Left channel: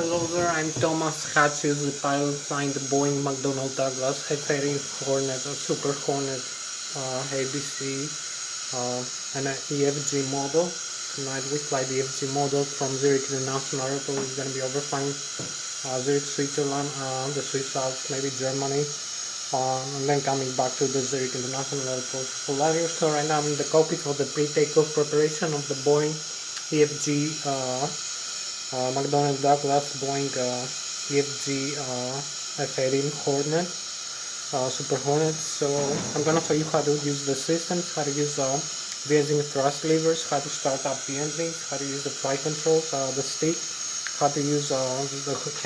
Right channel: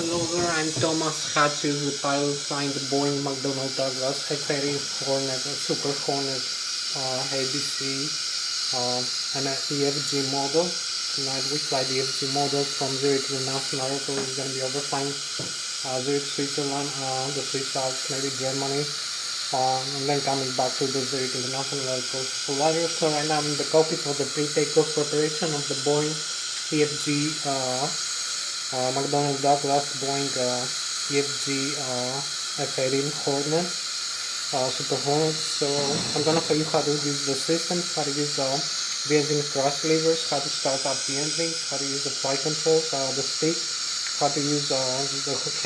Hello there, I'm Thomas Hatsios, the pilot flying the Boeing Macdonel Douglas F-18 Hornet, Super Hornet ABC and an EFG model. Tonight we fly the EFG model from Zurich International Airport. We're going to be overflying Zurich, Switzerland, the Swiss Alps, maybe Germany, and then coming back to the Zurich International Airport. So right now I'm in the cockpit for the pre-takeoff preparation of the Boeing EFG Macdonel Douglas Boeing EFG F-18 Hornet, Super Hornet. So I'm gonna show you how to use the system, how to use the engine thrust levers, how to start up the engine, how to use the flight controls, the stick, how to use the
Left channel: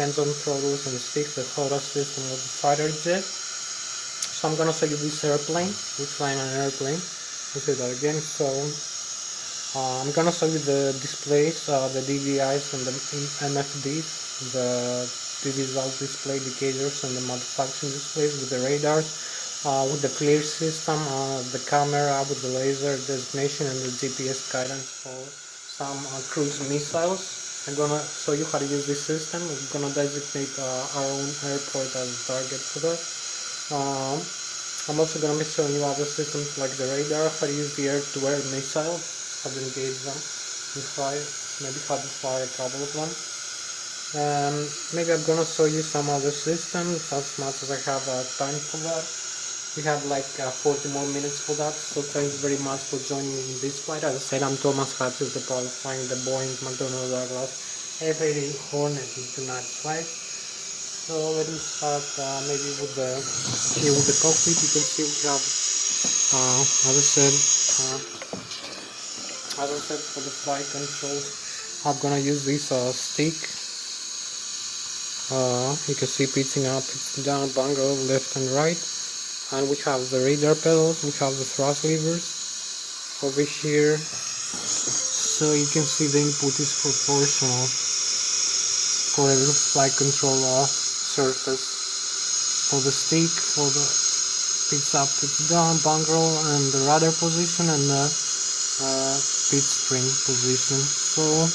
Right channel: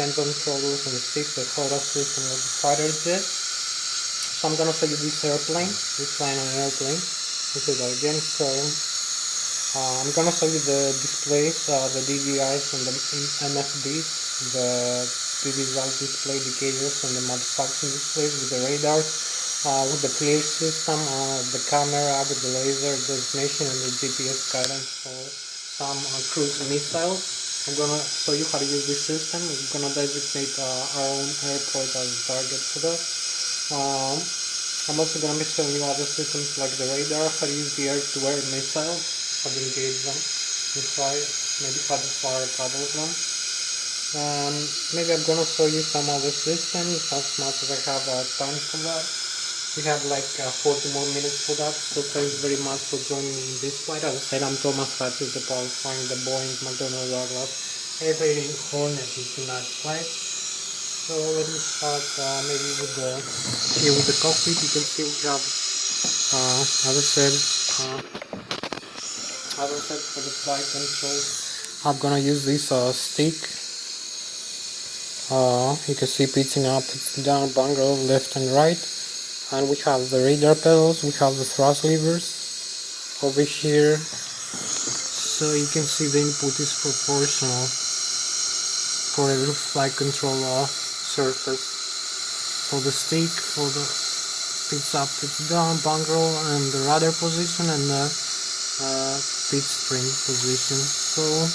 hands-on throttles and sticks, the throttle system of the fighter jet. So I'm gonna show you this airplane. We're flying an airplane. Let's do that again. So I'm gonna show you the displays, the DVIs and the MFDs, the visual display indicators and the manufacturing displays with the radars, with the clear system, the camera with the laser designation and the GPS guidance for some cruise missiles. I'm gonna show you how to use this system. We're gonna designate our own airport as a target for that. I'm also gonna be showing you other systems like the radar, how to use the air-to-air missiles, how to engage them and fire, maybe how to fire a couple of them. Maybe I'm gonna show you some other systems as much as I have time for that. We have like 40 more minutes for that, so thanks very much for joining me in this flight. As I said, I'm Thomas Hatsios, the pilot flying the Boeing Macdonel Douglas F-18 Hornet in tonight's flight. So let me start maybe with here with the cockpit. You can see we have, as I said, for the flight controls, I'm gonna use this stick. You can see pitching up, pitching down, bunker left and right, and we have the radar pedals. We have the thrust levers over here. So you can see the input is proportional for every flight control surface. For the stick, for the pitch up, pitch down, bunker and the rudder position and the pitch spring position. So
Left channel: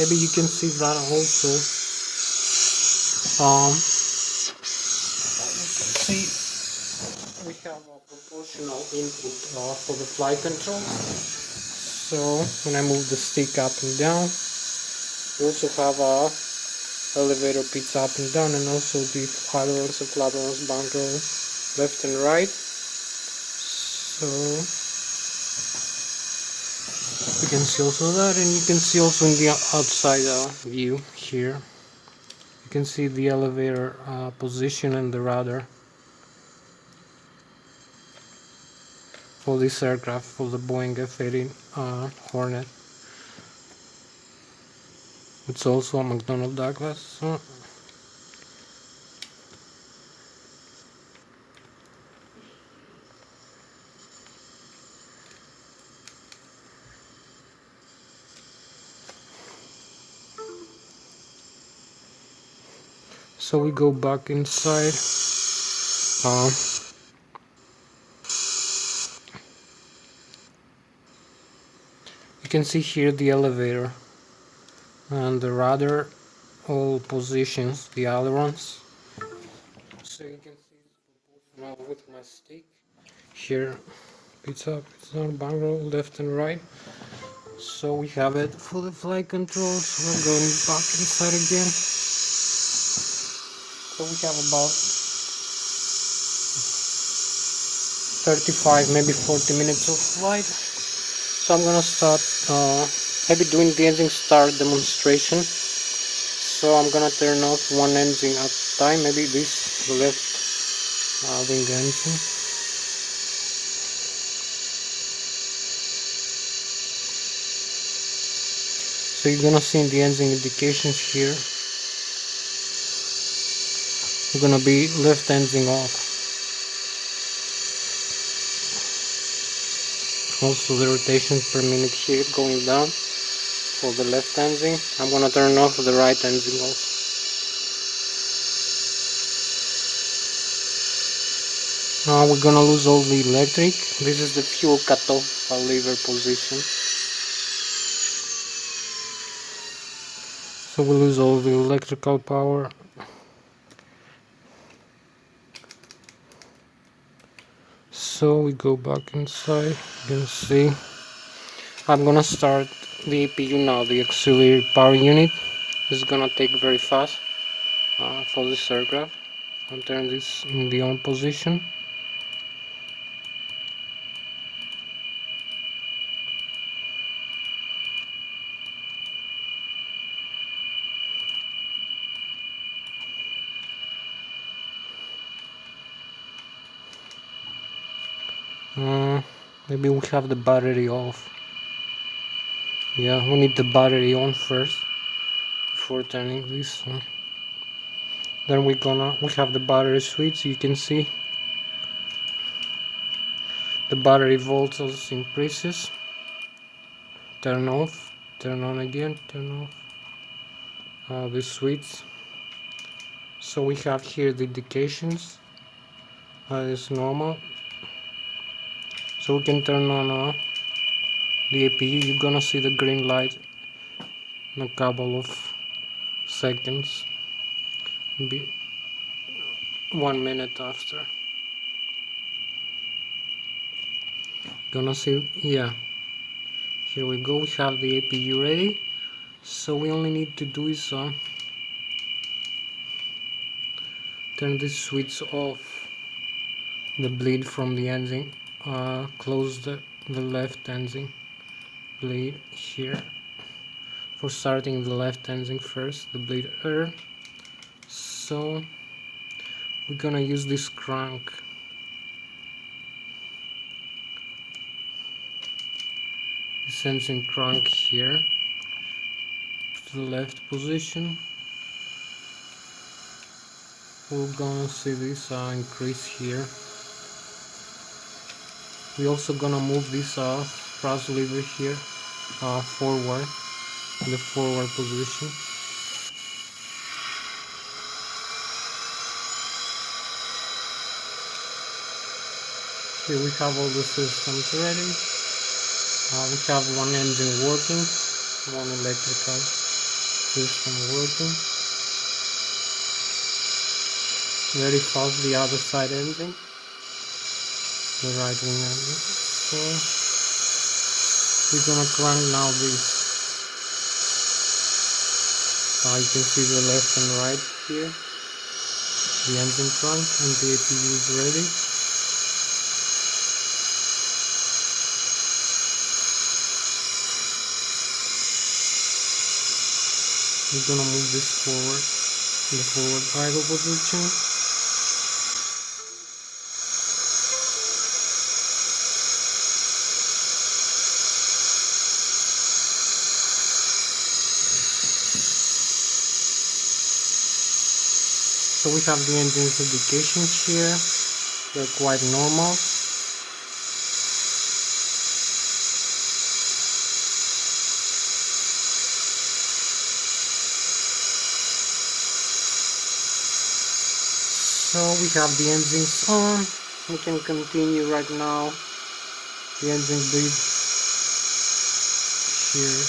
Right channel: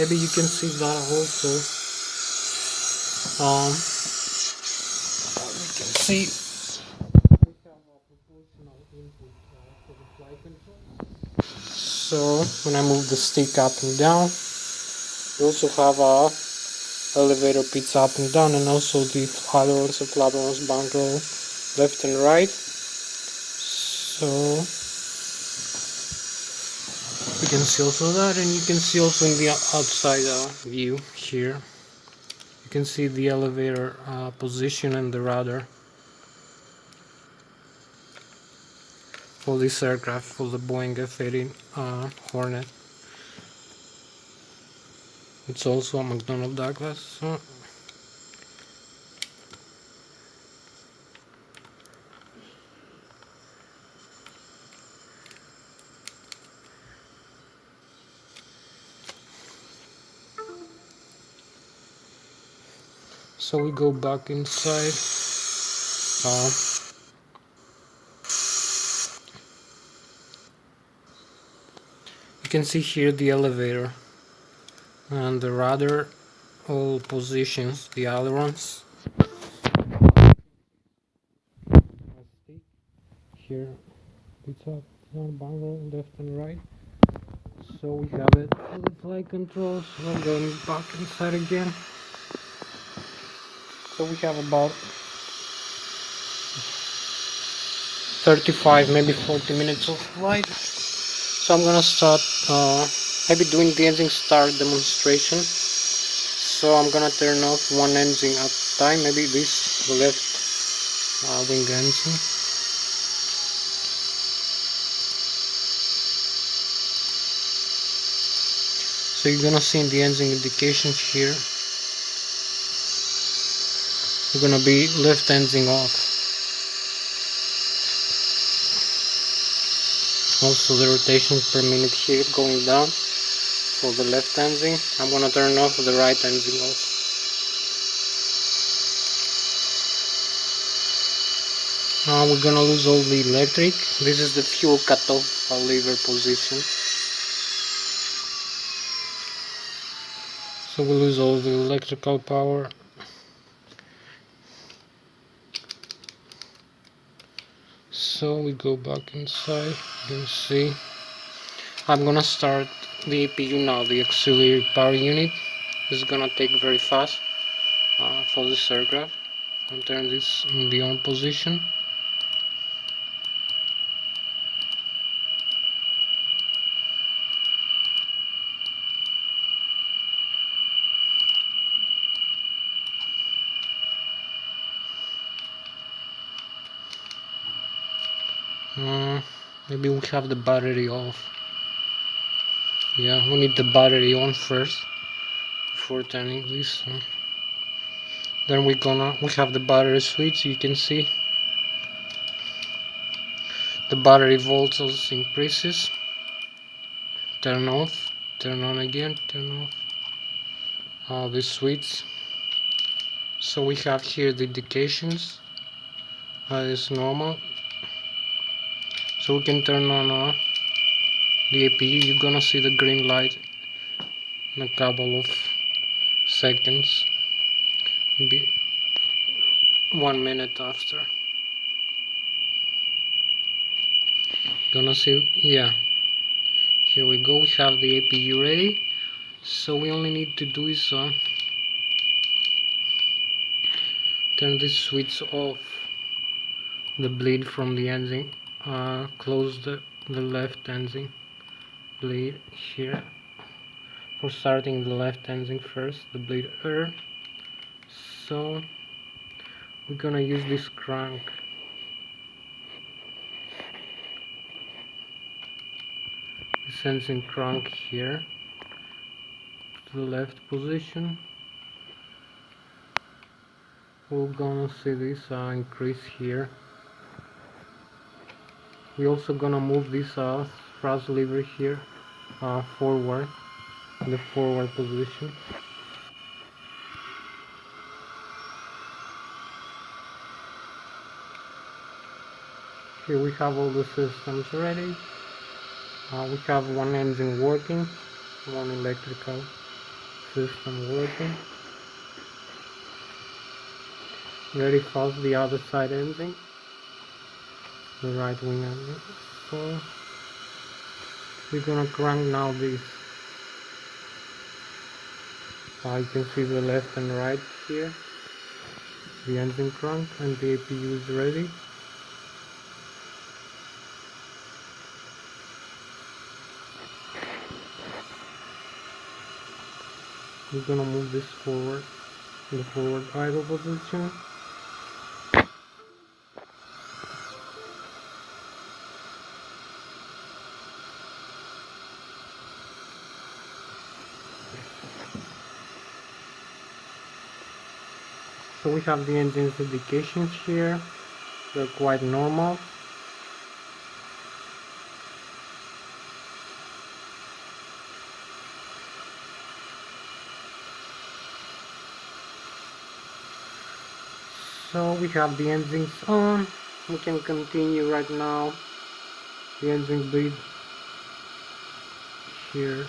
maybe you can see that also. You can see we have a proportional input for the flight control. So when I move the stick up and down, you also have a elevator pitch up and down, and also the ailerons and flaperons, bunker left and right. So you can see also that, and you can see also in the outside view here, you can see the elevator position and the rudder for this aircraft, for the Boeing F-18 Hornet. It's also a Macdonel Douglas. So we go back inside. You can see here the elevator and the rudder, all positions, the ailerons. So you can see now with my stick here, it's up, it's down, bunker left and right. So we have it for the flight controls. We're going back inside again. So we have about 35, maybe 40 minutes of flight. So I'm gonna start maybe doing the engine start demonstration. So I'm gonna turn off one engine at a time, maybe this, the left wing engine. So you're gonna see in the engine indications here, we're gonna be left engine off. Also the rotations per minute here going down for the left engine. I'm gonna turn off the right engine off. Now we're gonna lose all the electric. This is the fuel cutoff lever position. so we lose all the electrical power. So we go back inside. You can see I'm gonna start the APU now. The auxiliary power unit is gonna take very fast for this aircraft. I'll turn this in the on position. Maybe we have the battery off. Yeah, we need the battery on first before turning this on. Then we have the battery switch. You can see the battery voltage increases. Turn off, turn on again, turn off the switch. So we have here the indications. It's normal. So we can turn on the APU. You're gonna see the green light in a couple of seconds. Maybe 1 minute after. Gonna see, yeah. Here we go. We have the APU ready. So we only need to do is turn this switch off. The bleed from the engine. Close the left engine bleed here. For starting the left engine first, the bleed air. So we're gonna use this crank. This engine crank here to the left position. We're gonna see this increase here. We're also gonna move this thrust lever here forward in the forward position. Here we have all the systems ready. We have one engine working, one electrical system working. Very fast the other side engine, the right wing engine. So we're gonna crank now this. You can see the left and right here. The engine crank and the APU is ready. We're gonna move this forward in the forward idle position. So we have the engine's indications here. They're quite normal. So we have the engines on. We can continue right now. The engine bleed here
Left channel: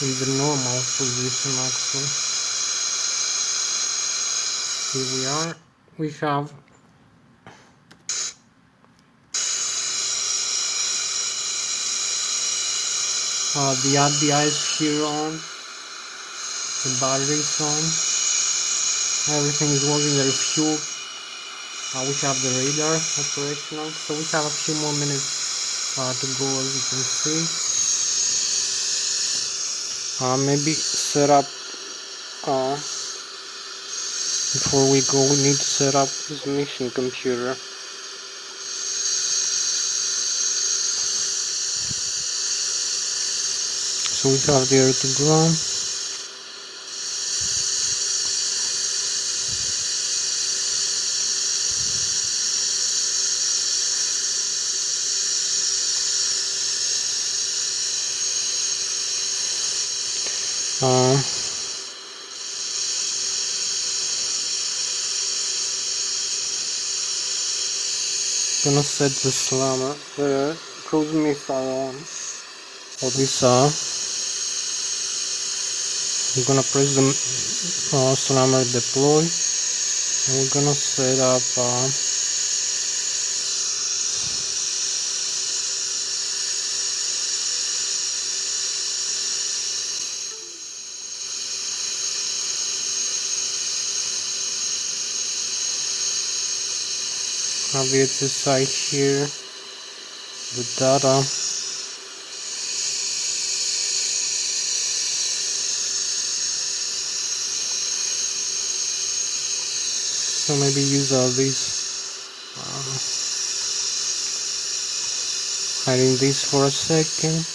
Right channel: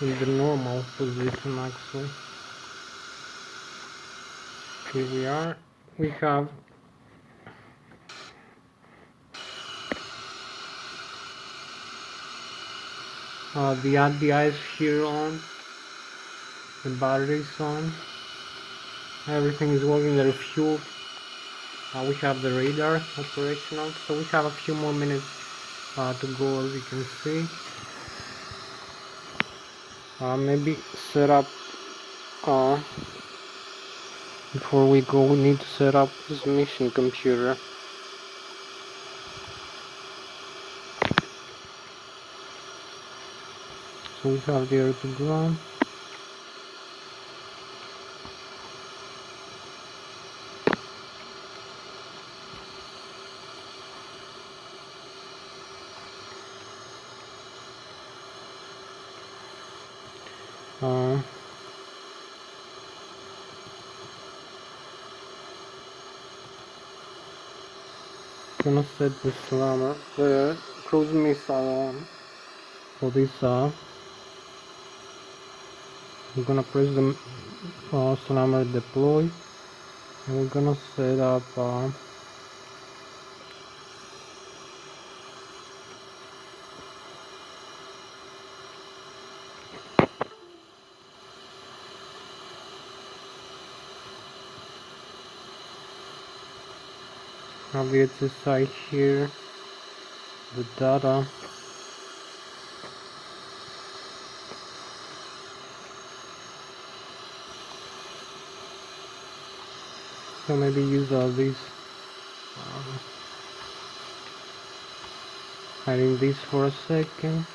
in the normal position actually. Here we are. We have the RDI is here on. The battery is on. Everything is working, there is fuel. We have the radar operational. So we have a few more minutes to go, as you can see. Maybe set up before we go, we need to set up this mission computer. So we have the air to ground. Gonna set the slammer, the cruise missile on for this we're gonna press the sonar deploy, and we're gonna set up side here, the data. So maybe use this, hiding this for a second.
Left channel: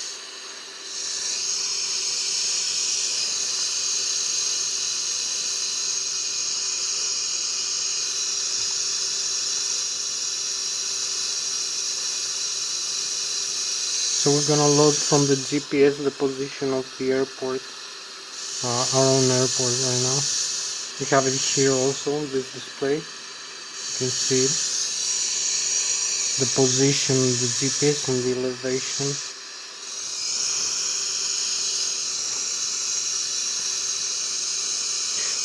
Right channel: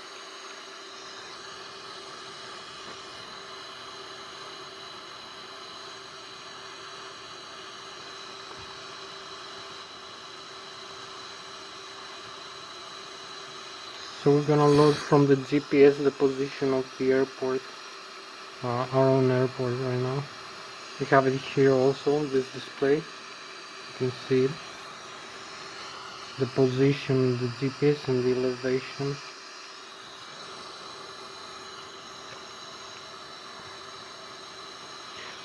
So we're gonna load from the GPS the position of the airport, our own airport right now. We have it here also, this display. You can see it. The position, the GPS and the elevation.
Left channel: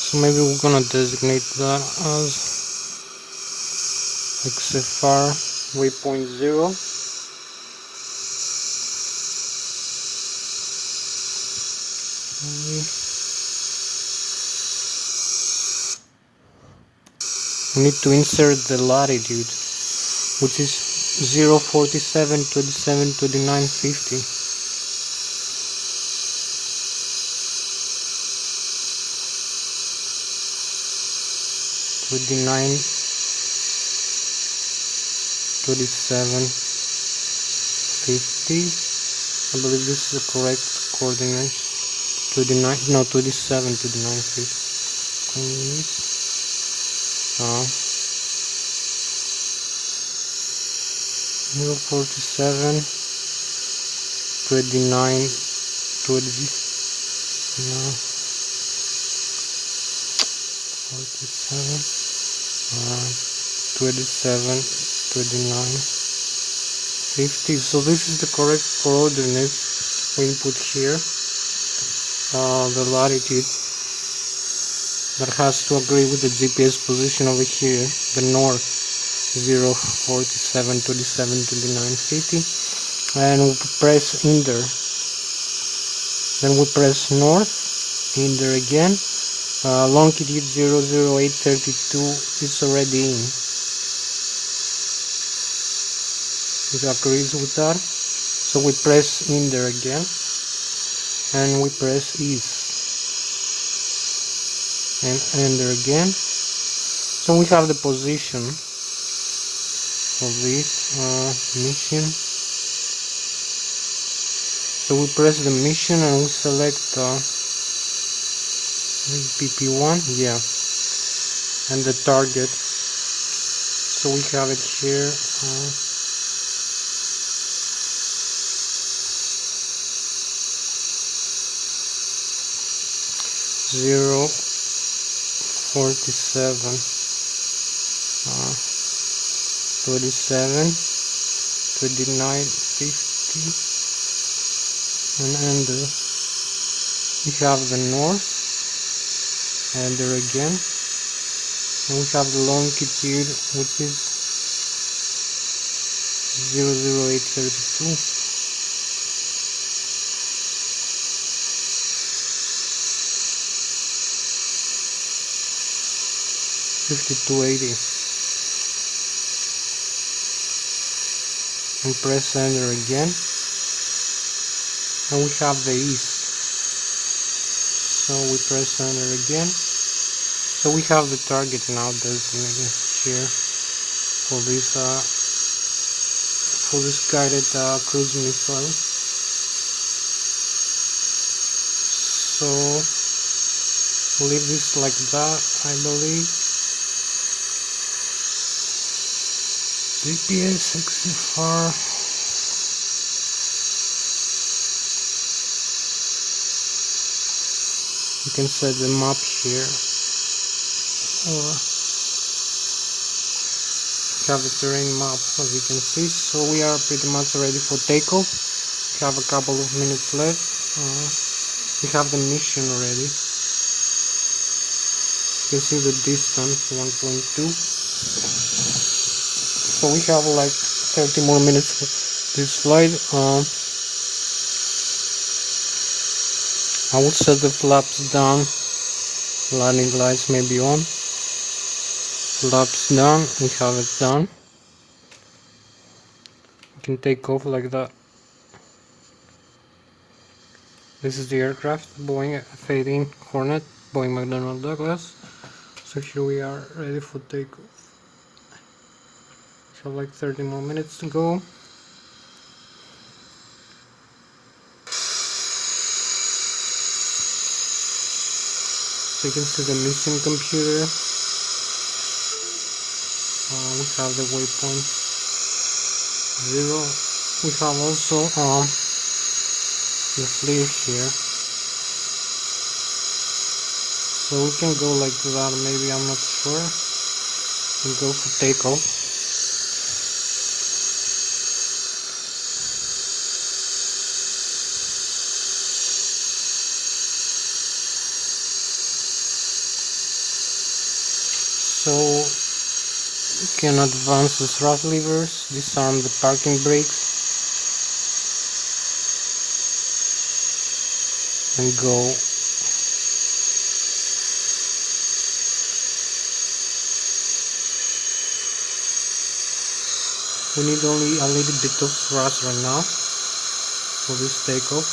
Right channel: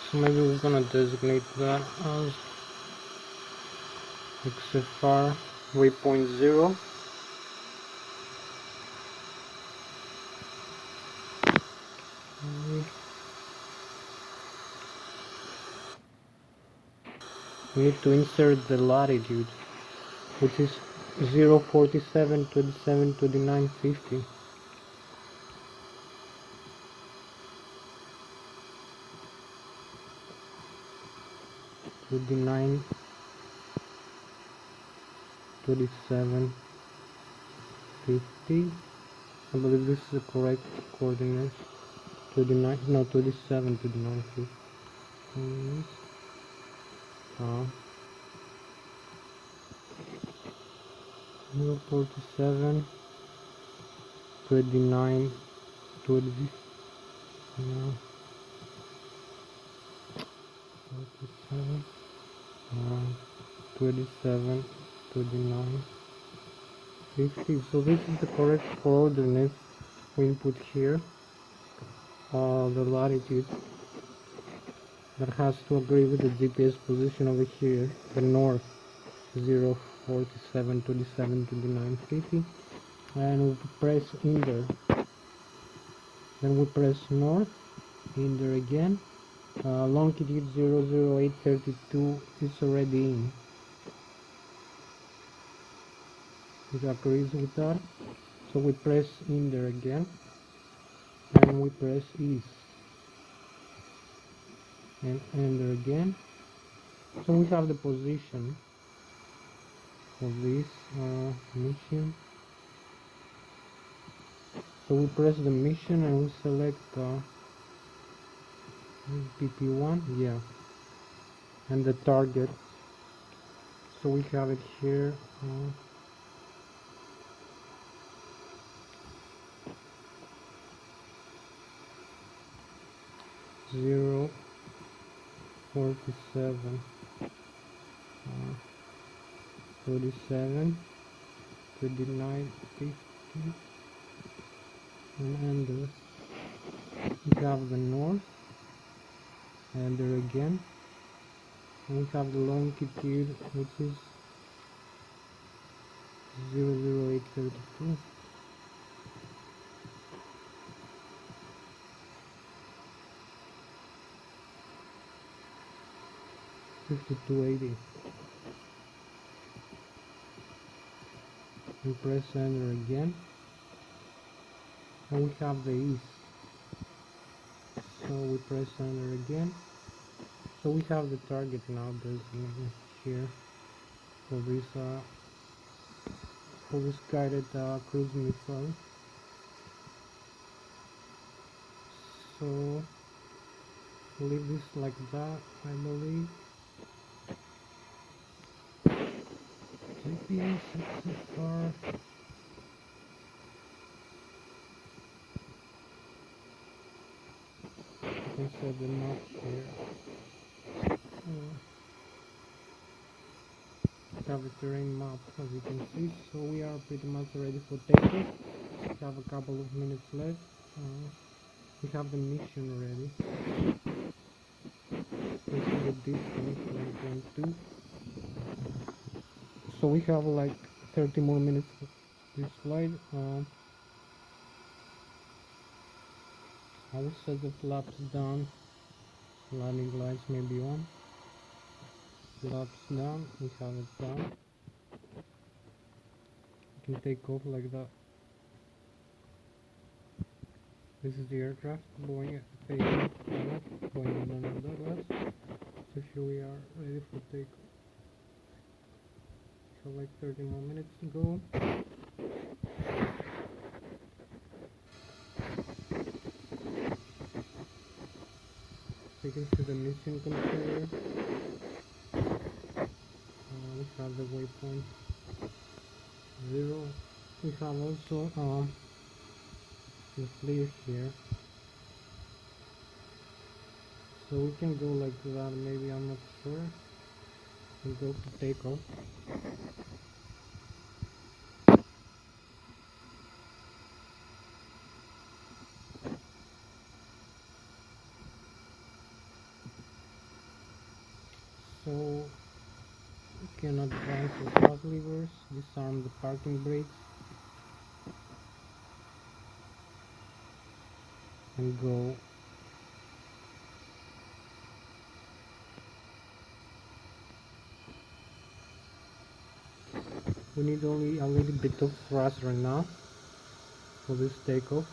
So maybe we're gonna designate that as XFR waypoint 0. We need to insert the latitude, which is 047, 27, 29, 50. 29, 27, 50. I believe this is the correct coordinate. 29, no, 27, 29, 50. 047, 29, 20, no, 47, 27, 29, 50. So this is the correct coordinates we input here. The latitude that has to agree with the GPS position over here, the north, 047, 27, 29, 50, and we press enter. Then we press north, enter again. Longitude 00832 is already in. It agrees with that. So we press enter again, and we press east, and enter again. So we have the position of this mission. So we press the mission and we select PP1, yeah, and the target. So we have it here. 047, 27, 29, 50, and enter. We have the north, enter again, and we have the longitude, which is 00832. $52.80, and press enter again, and we have the east. So we press enter again. So we have the target now designated here for this guided cruise missile. So we'll leave this like that, I believe. GPS XFR. You can set the map here, or have the terrain map, as you can see. So we are pretty much ready for takeoff. We have a couple of minutes left. We have the mission already. You can see the distance, 1.2. So we have like 30 more minutes for this flight. I will set the flaps down. Landing lights may be on. Flaps down. We have it done. We can take off like that. This is the aircraft, Boeing F-18 Hornet, Boeing Macdonel Douglas. So here we are, ready for takeoff. We have like 30 more minutes to go. So you can see the mission computer. We have the waypoint 0. We have also the flare here. So we can go like that, maybe, I'm not sure. We go for takeoff. So you can advance the thrust levers, disarm the parking brakes, and go. We need only a little bit of thrust right now for this takeoff.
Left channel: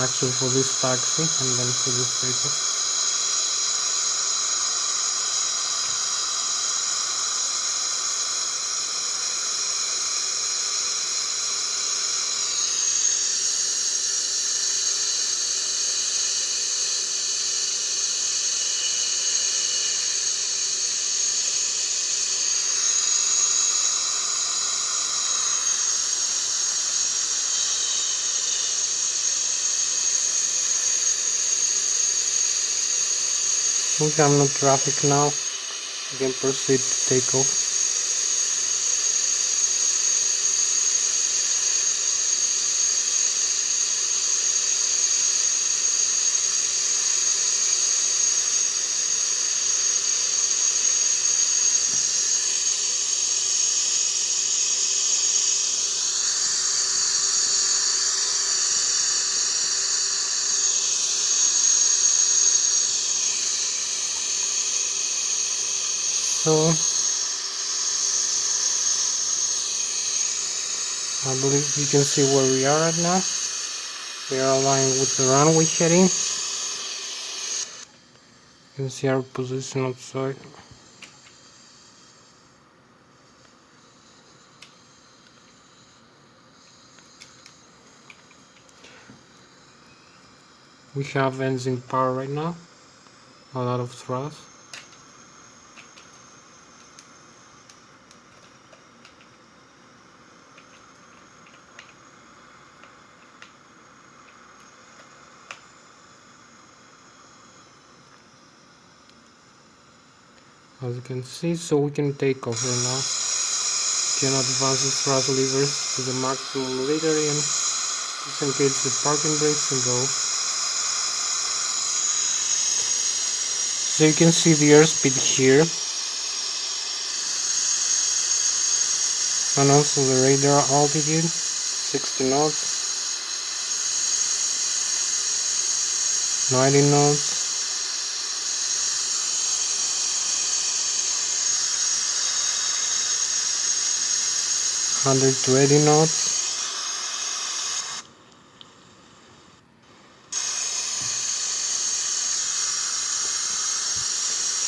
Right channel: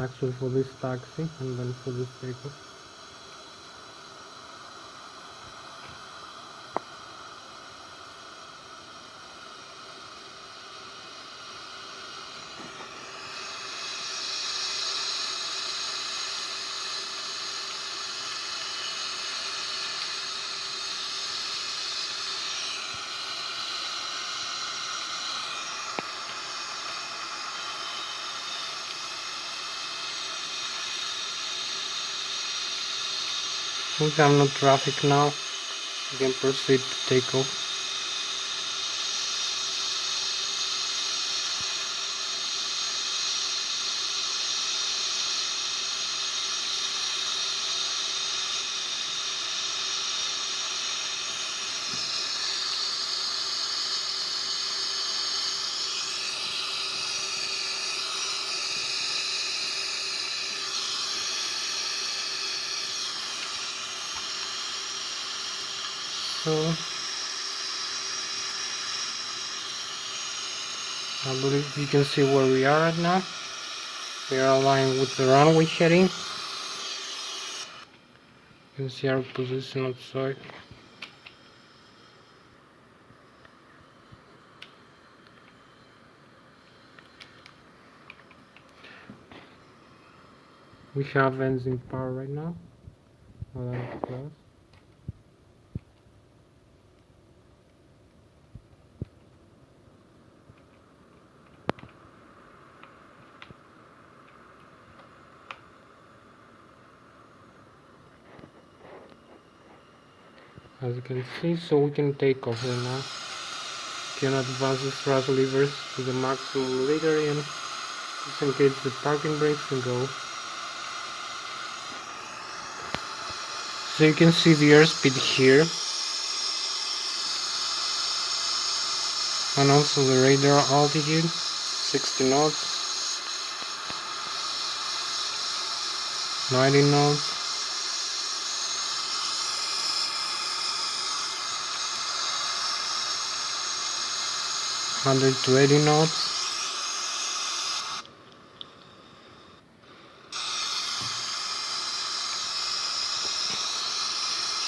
Actually for this taxi and then for this takeoff. We have no traffic now. We can proceed to take off. So I believe you can see where we are right now. We are aligned with the runway heading. You can see our position outside. We have engine power right now. A lot of thrust. As you can see, so we can take off right now. We can advance the thrust levers to the maximum later and disengage the parking brakes and go. So you can see the airspeed here. And also the radar altitude, 60 knots, 90 knots. 180 knots.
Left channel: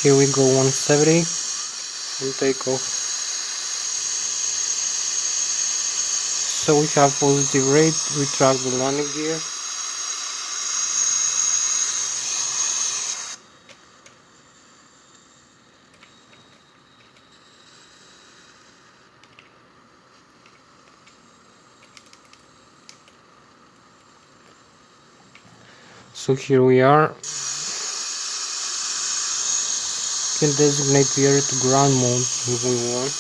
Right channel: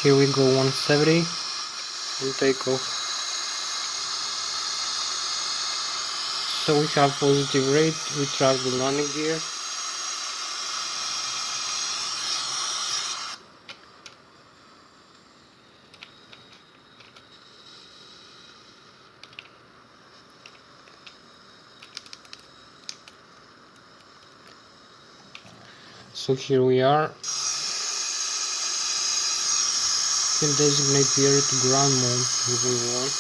Here we go, 170 and take off. So we have positive rate, we track the landing gear. So here we are. We can designate the area to ground mode if we want.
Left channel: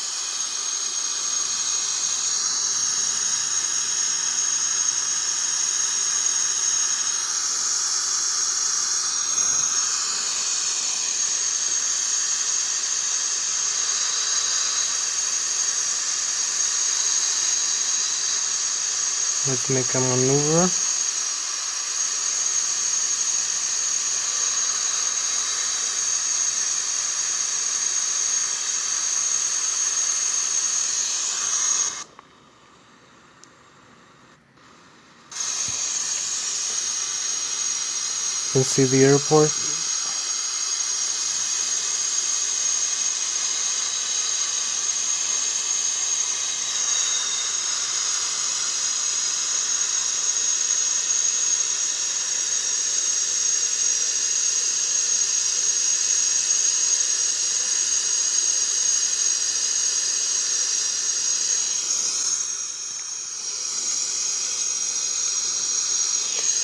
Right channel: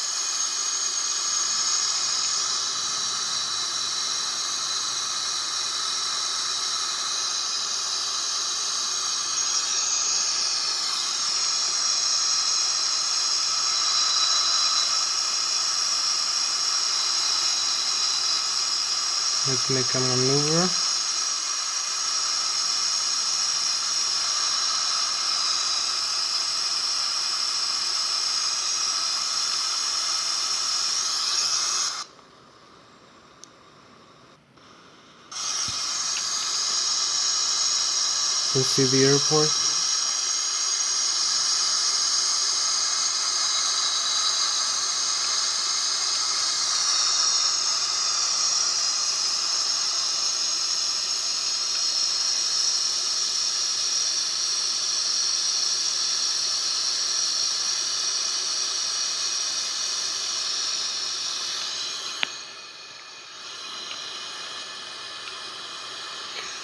Let's make a maneuver. You can see the airport.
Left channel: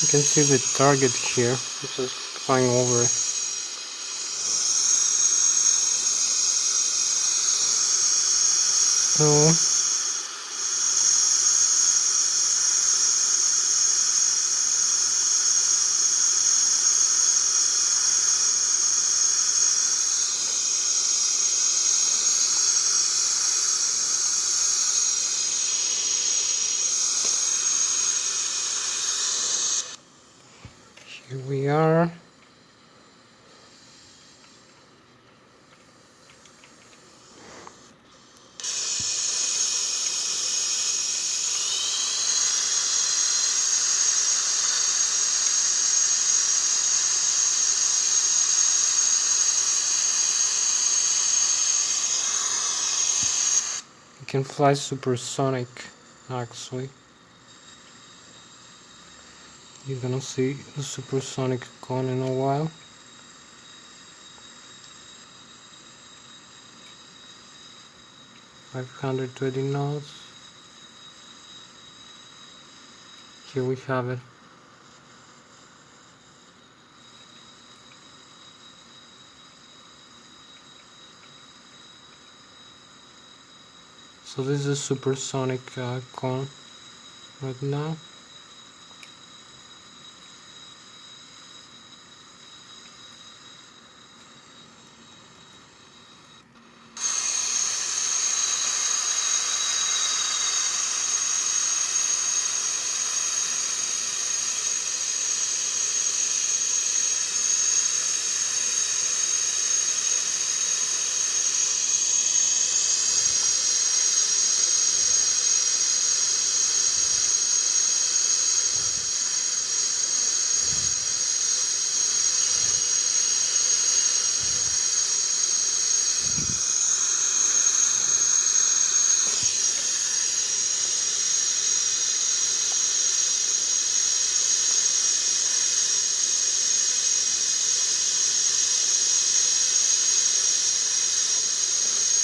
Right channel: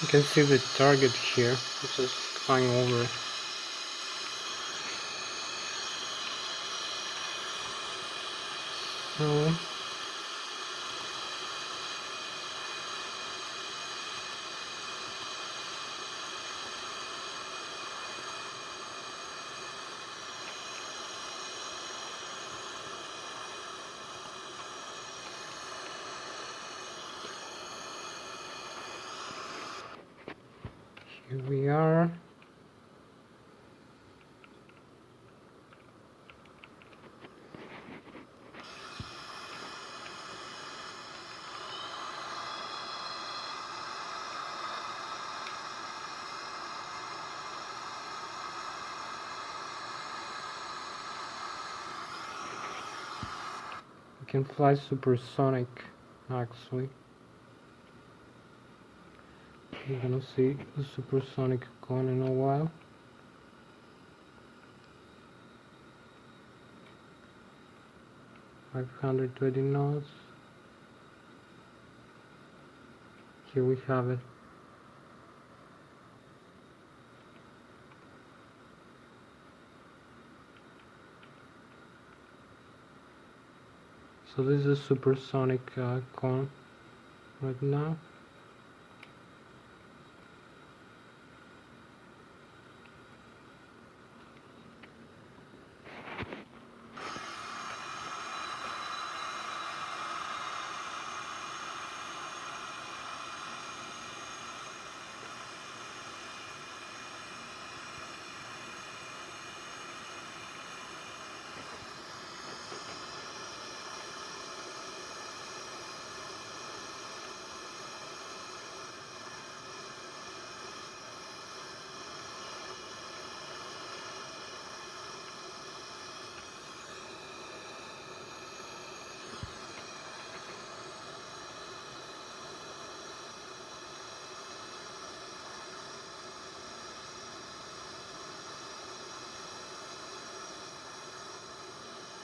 You can see the target here, it's just flying over. So here we are. You can fly supersonic, actually. You're gonna see the supersonic cone in a while. $520 knots. Here we have it. So this is a supersonic cone right now.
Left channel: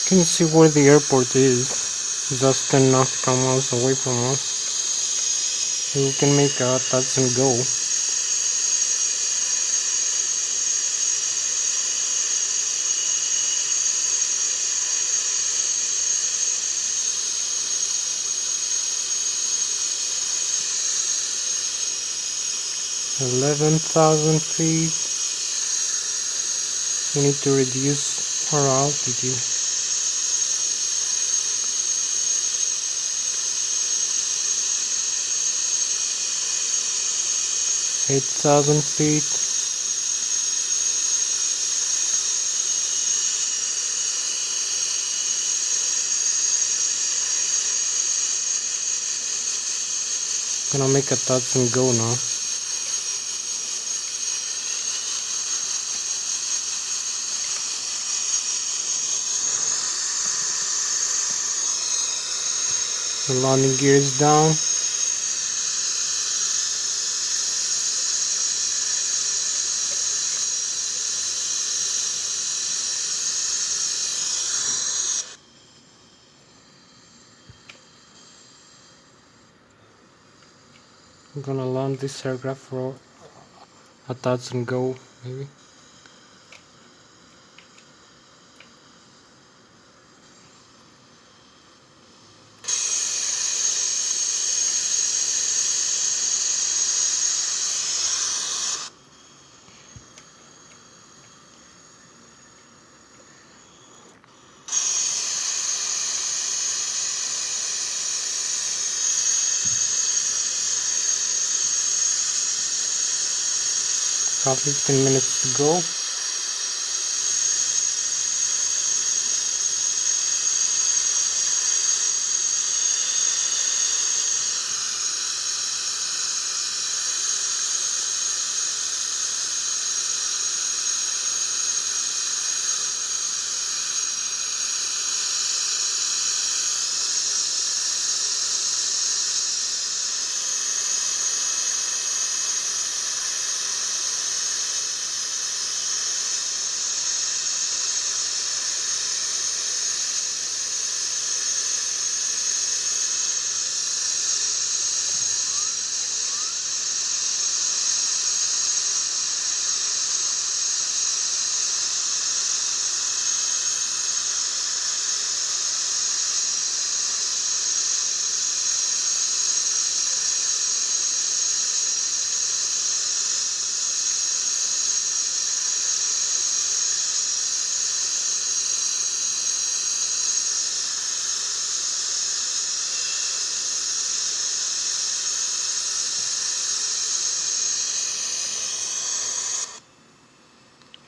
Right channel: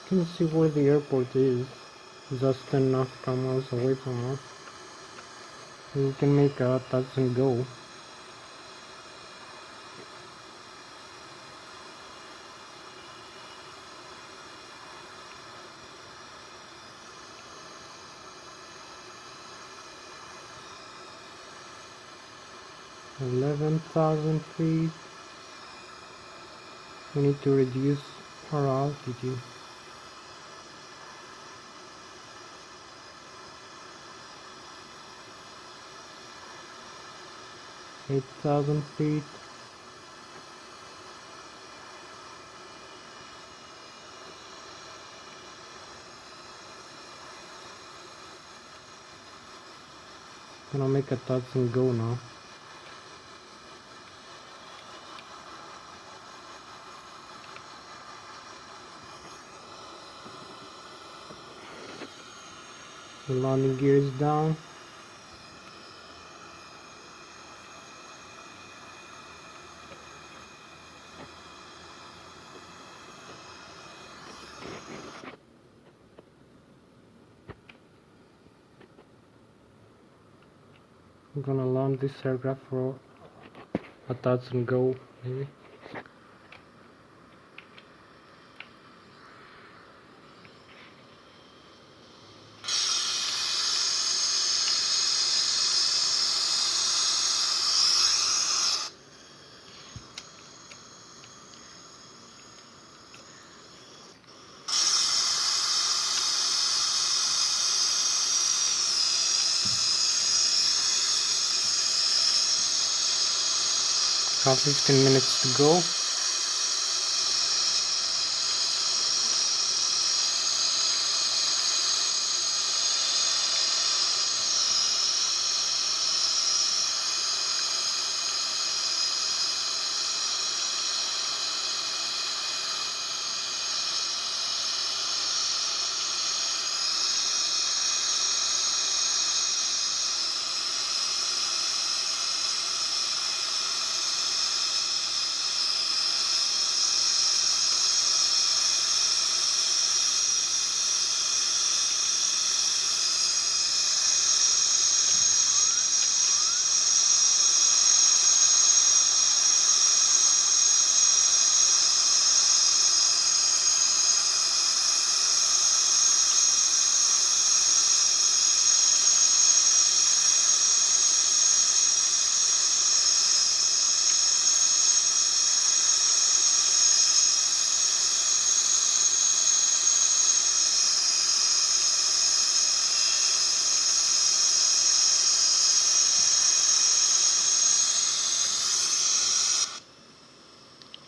Can you see where the airport is? Just 10 nautical miles away from us. We can make a touch and go. $11,000 feet. We need to reduce our altitude. $8,000 feet. Gonna make a touch and go now. The landing gear is down. I'm gonna land this aircraft for a touch and go, maybe. Have 15 minutes to go.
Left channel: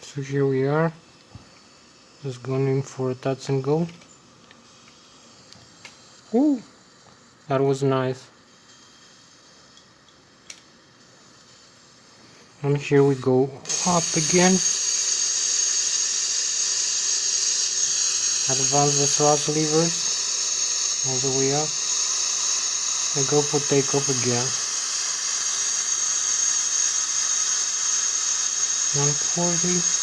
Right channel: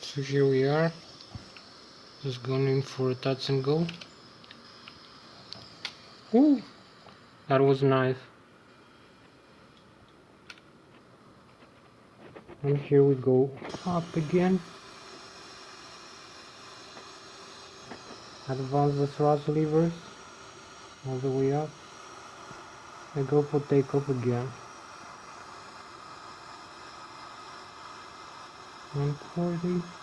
So here we are, just going in for a touch and go. Ooh, that was nice. And here we go up again. Advance the thrust levers all the way up and go for takeoff again. 140.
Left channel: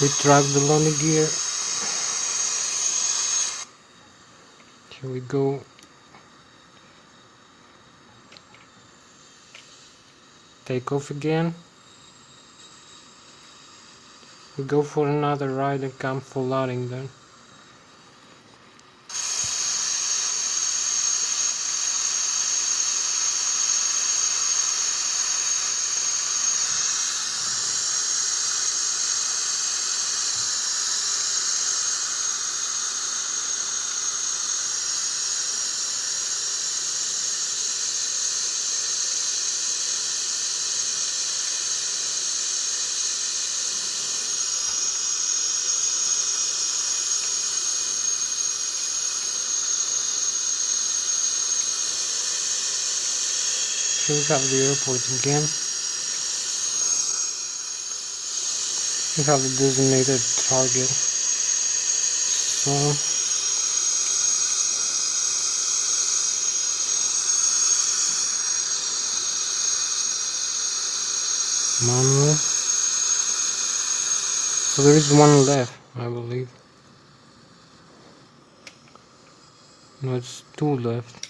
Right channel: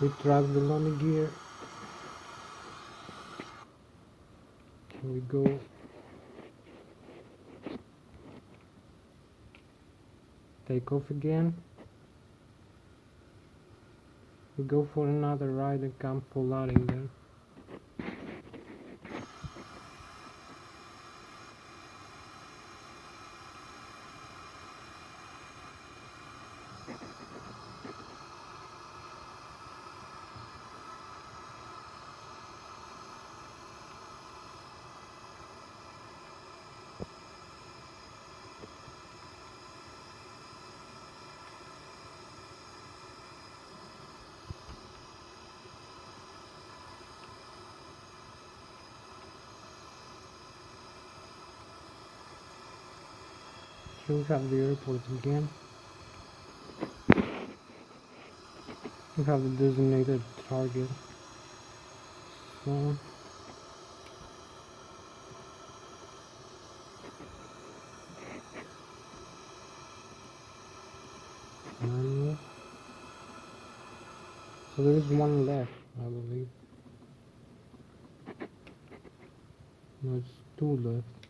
Retract the landing gear. Here we go. Take off again. We go for another ride and come for landing then. Here we have the airport again. We have the designated target. So manual. So there is one left, I believe. No, it's two left.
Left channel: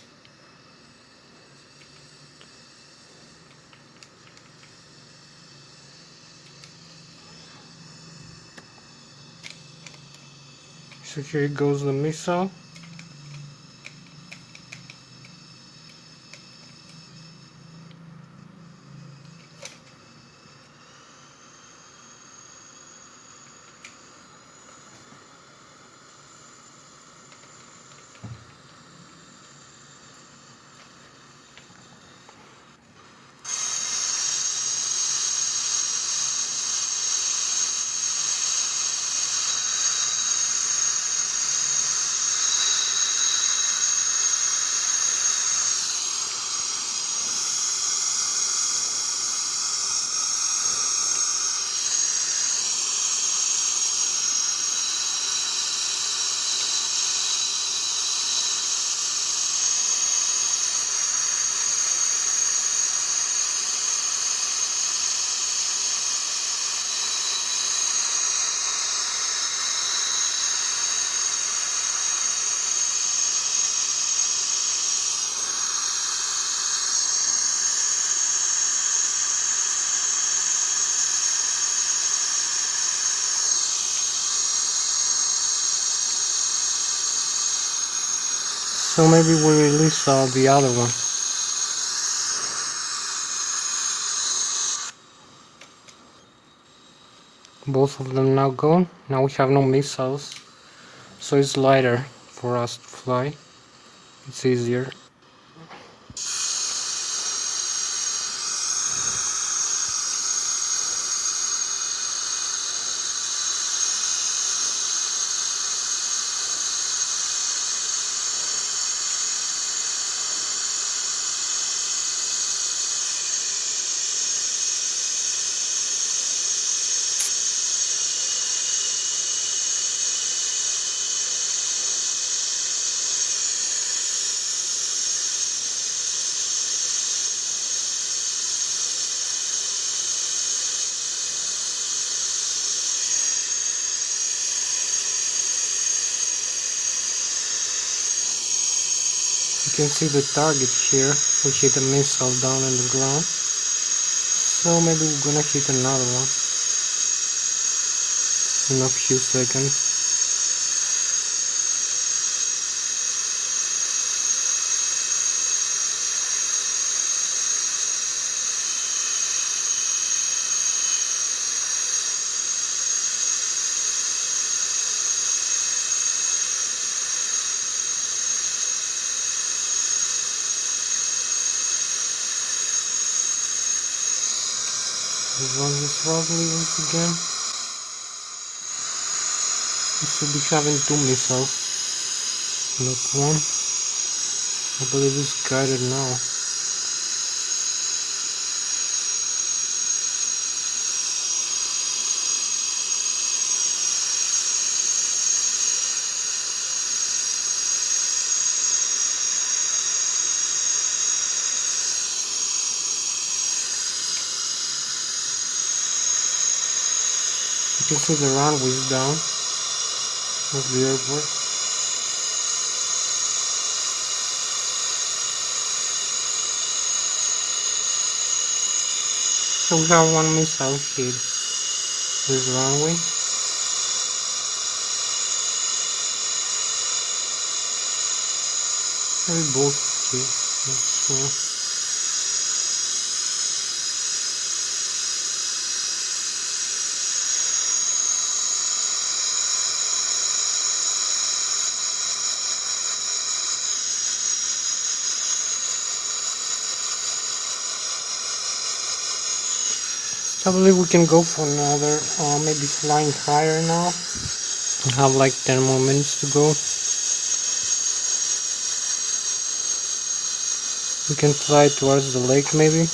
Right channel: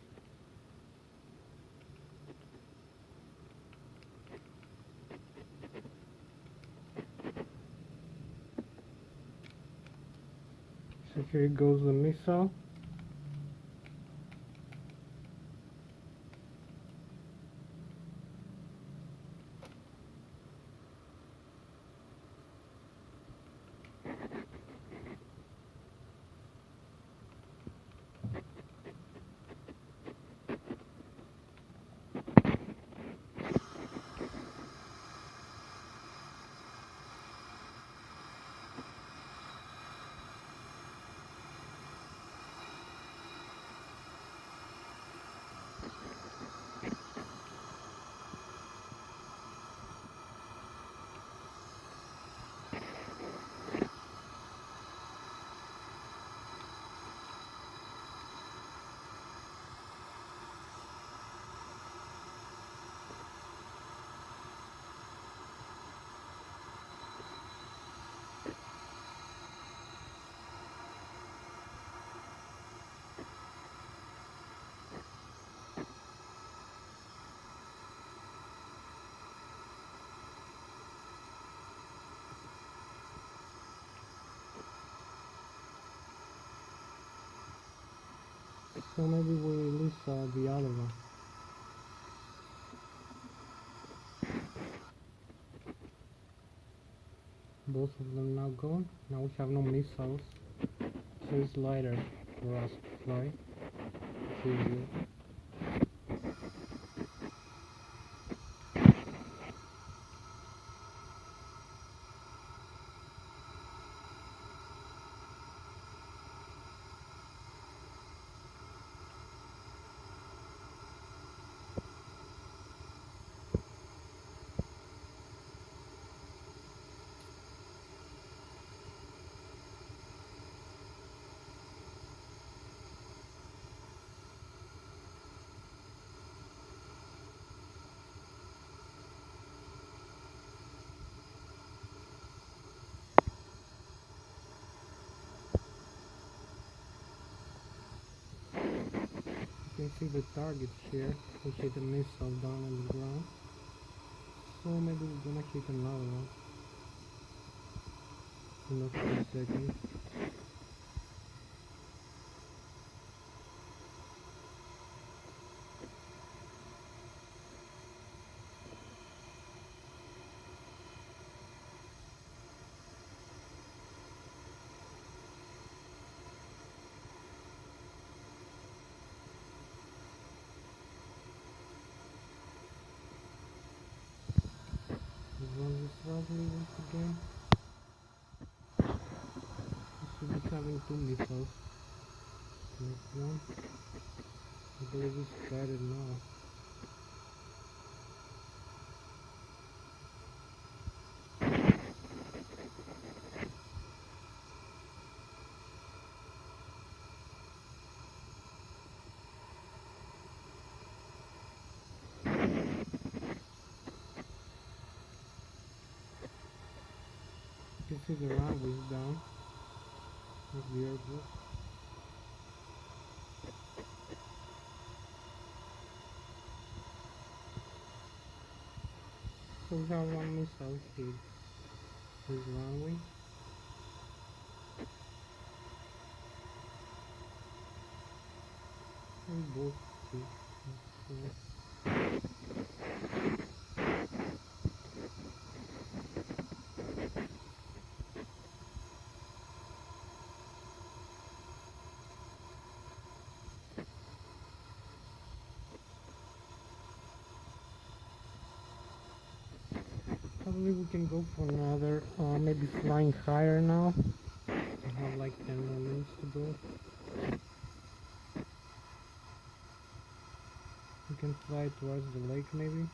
So here goes the missile. So maybe we release the other one. Both of them now gone. Now we have no missiles, so it's lighter for us to fly. It's easier. can see the target here. We hit a missile down on the ground. So maybe we're gonna hit another one in a few seconds. Run this roughly once again. We should be having 2 missiles, not one. I believe it's guided now. You can see the runway is down of the airport. So we have 1 missile hit this runway. Maybe both hit, not sure. I believe we can go for another, maybe flying higher now. We have like 10 more minutes to go. We can fly towards the lake maybe.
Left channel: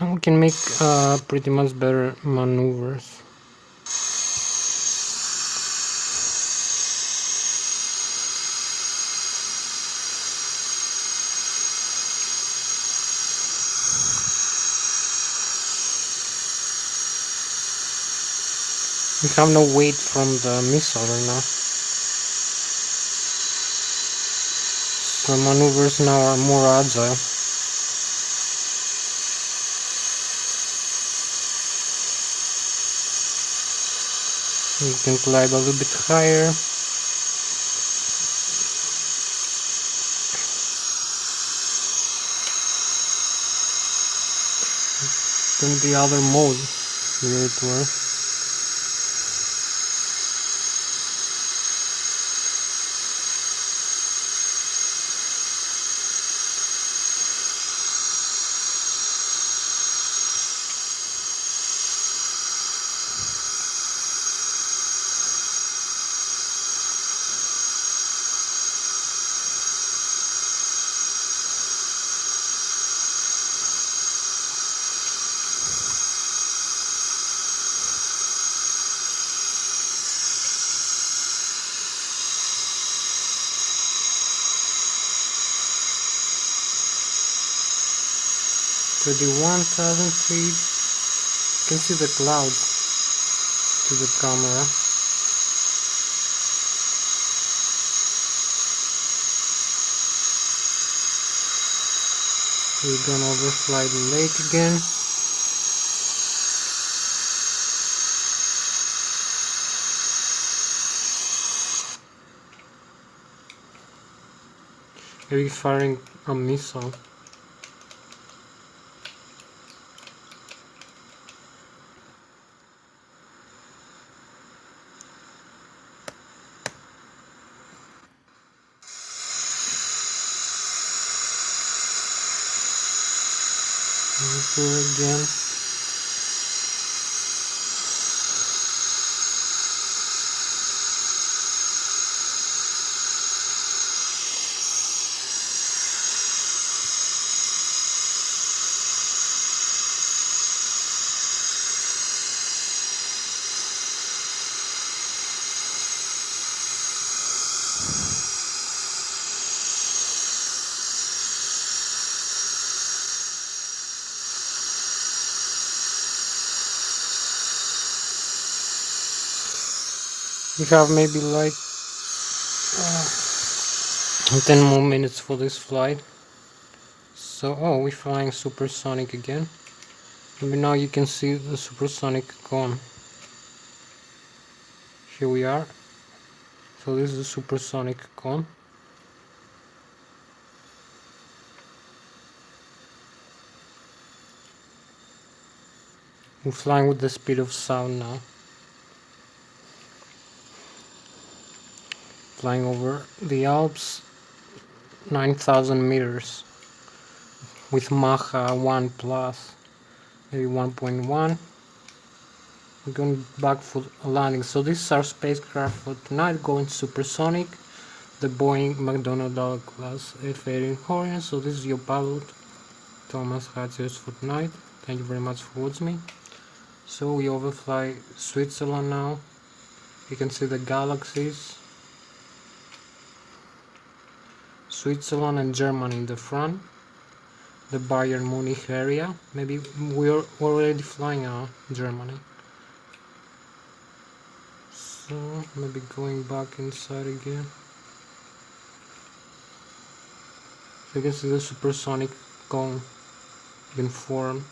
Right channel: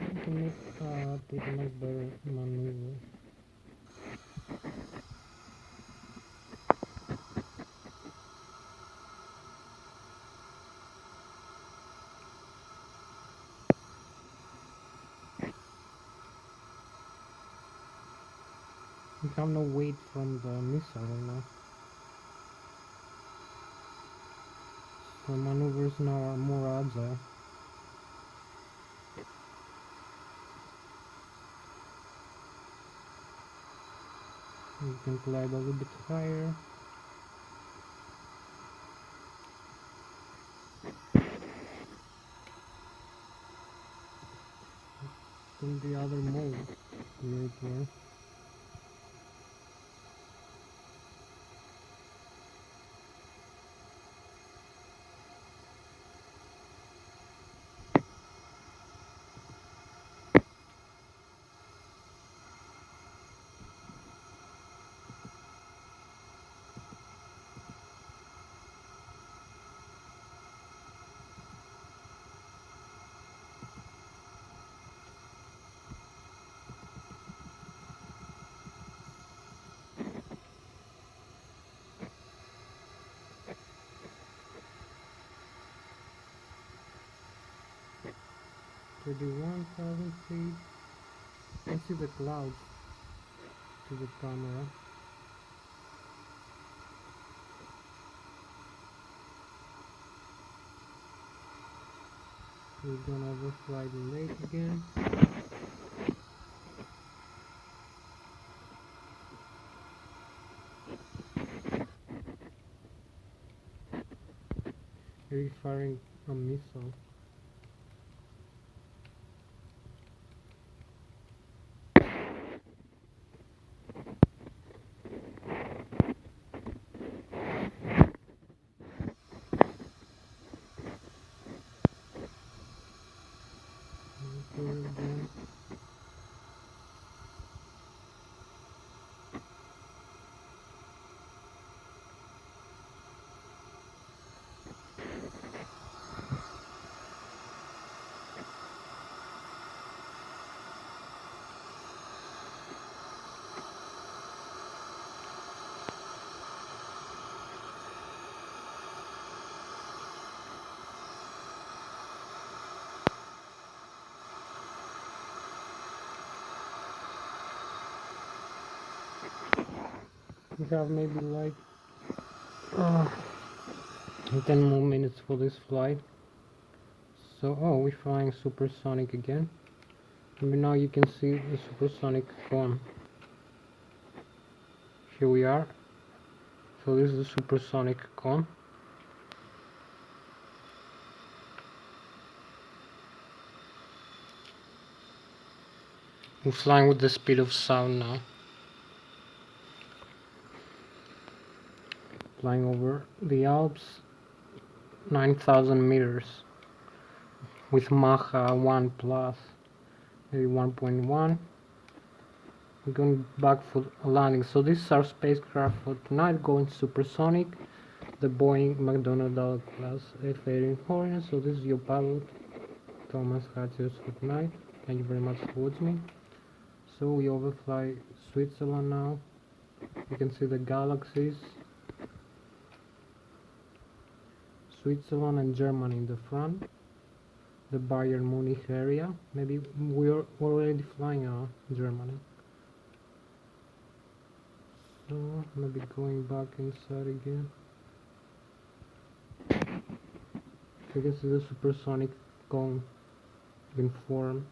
And we can make pretty much better maneuvers. We have no weight from the missile right now. So maneuvers now are more agile. We can glide a little bit higher. Then the other mode here it was. To the 1000 feet, you can see the clouds to the camera. We're gonna overfly the lake again. Maybe firing a missile. Again. We have maybe like 10 more minutes for this flight. So, oh, we're flying supersonic again. Maybe now you can see the supersonic cone. Here we are. So this is the supersonic cone. We're flying with the speed of sound now. Flying over the Alps, 9,000 meters with Mach 1 plus, maybe 1.1. We're going back for a landing. So this is our spacecraft for tonight, going supersonic, the Boeing Macdonel class F-18 Orion. So this is your pilot, Thomas Hatsios, for tonight. Thank you very much for watching me. So we overfly Switzerland now. You can see the galaxies. Switzerland and Germany in the front. The Bayern Munich area. Maybe we're already flying Germany. So maybe going back inside again. You can see the supersonic cone being formed.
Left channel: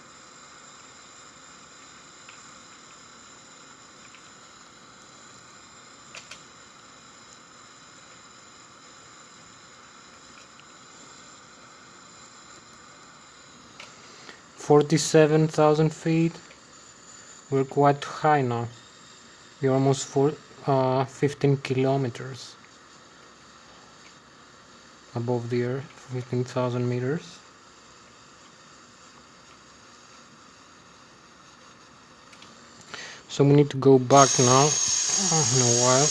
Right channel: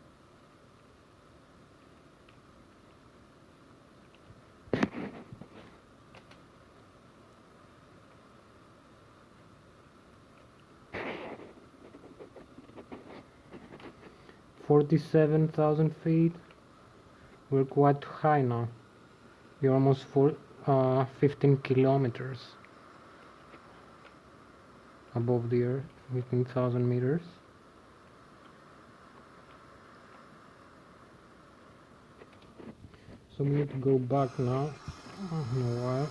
$47,000 feet. We're quite high now. We're almost 15 kilometers above the earth, 15,000 meters. So we need to go back now in a while.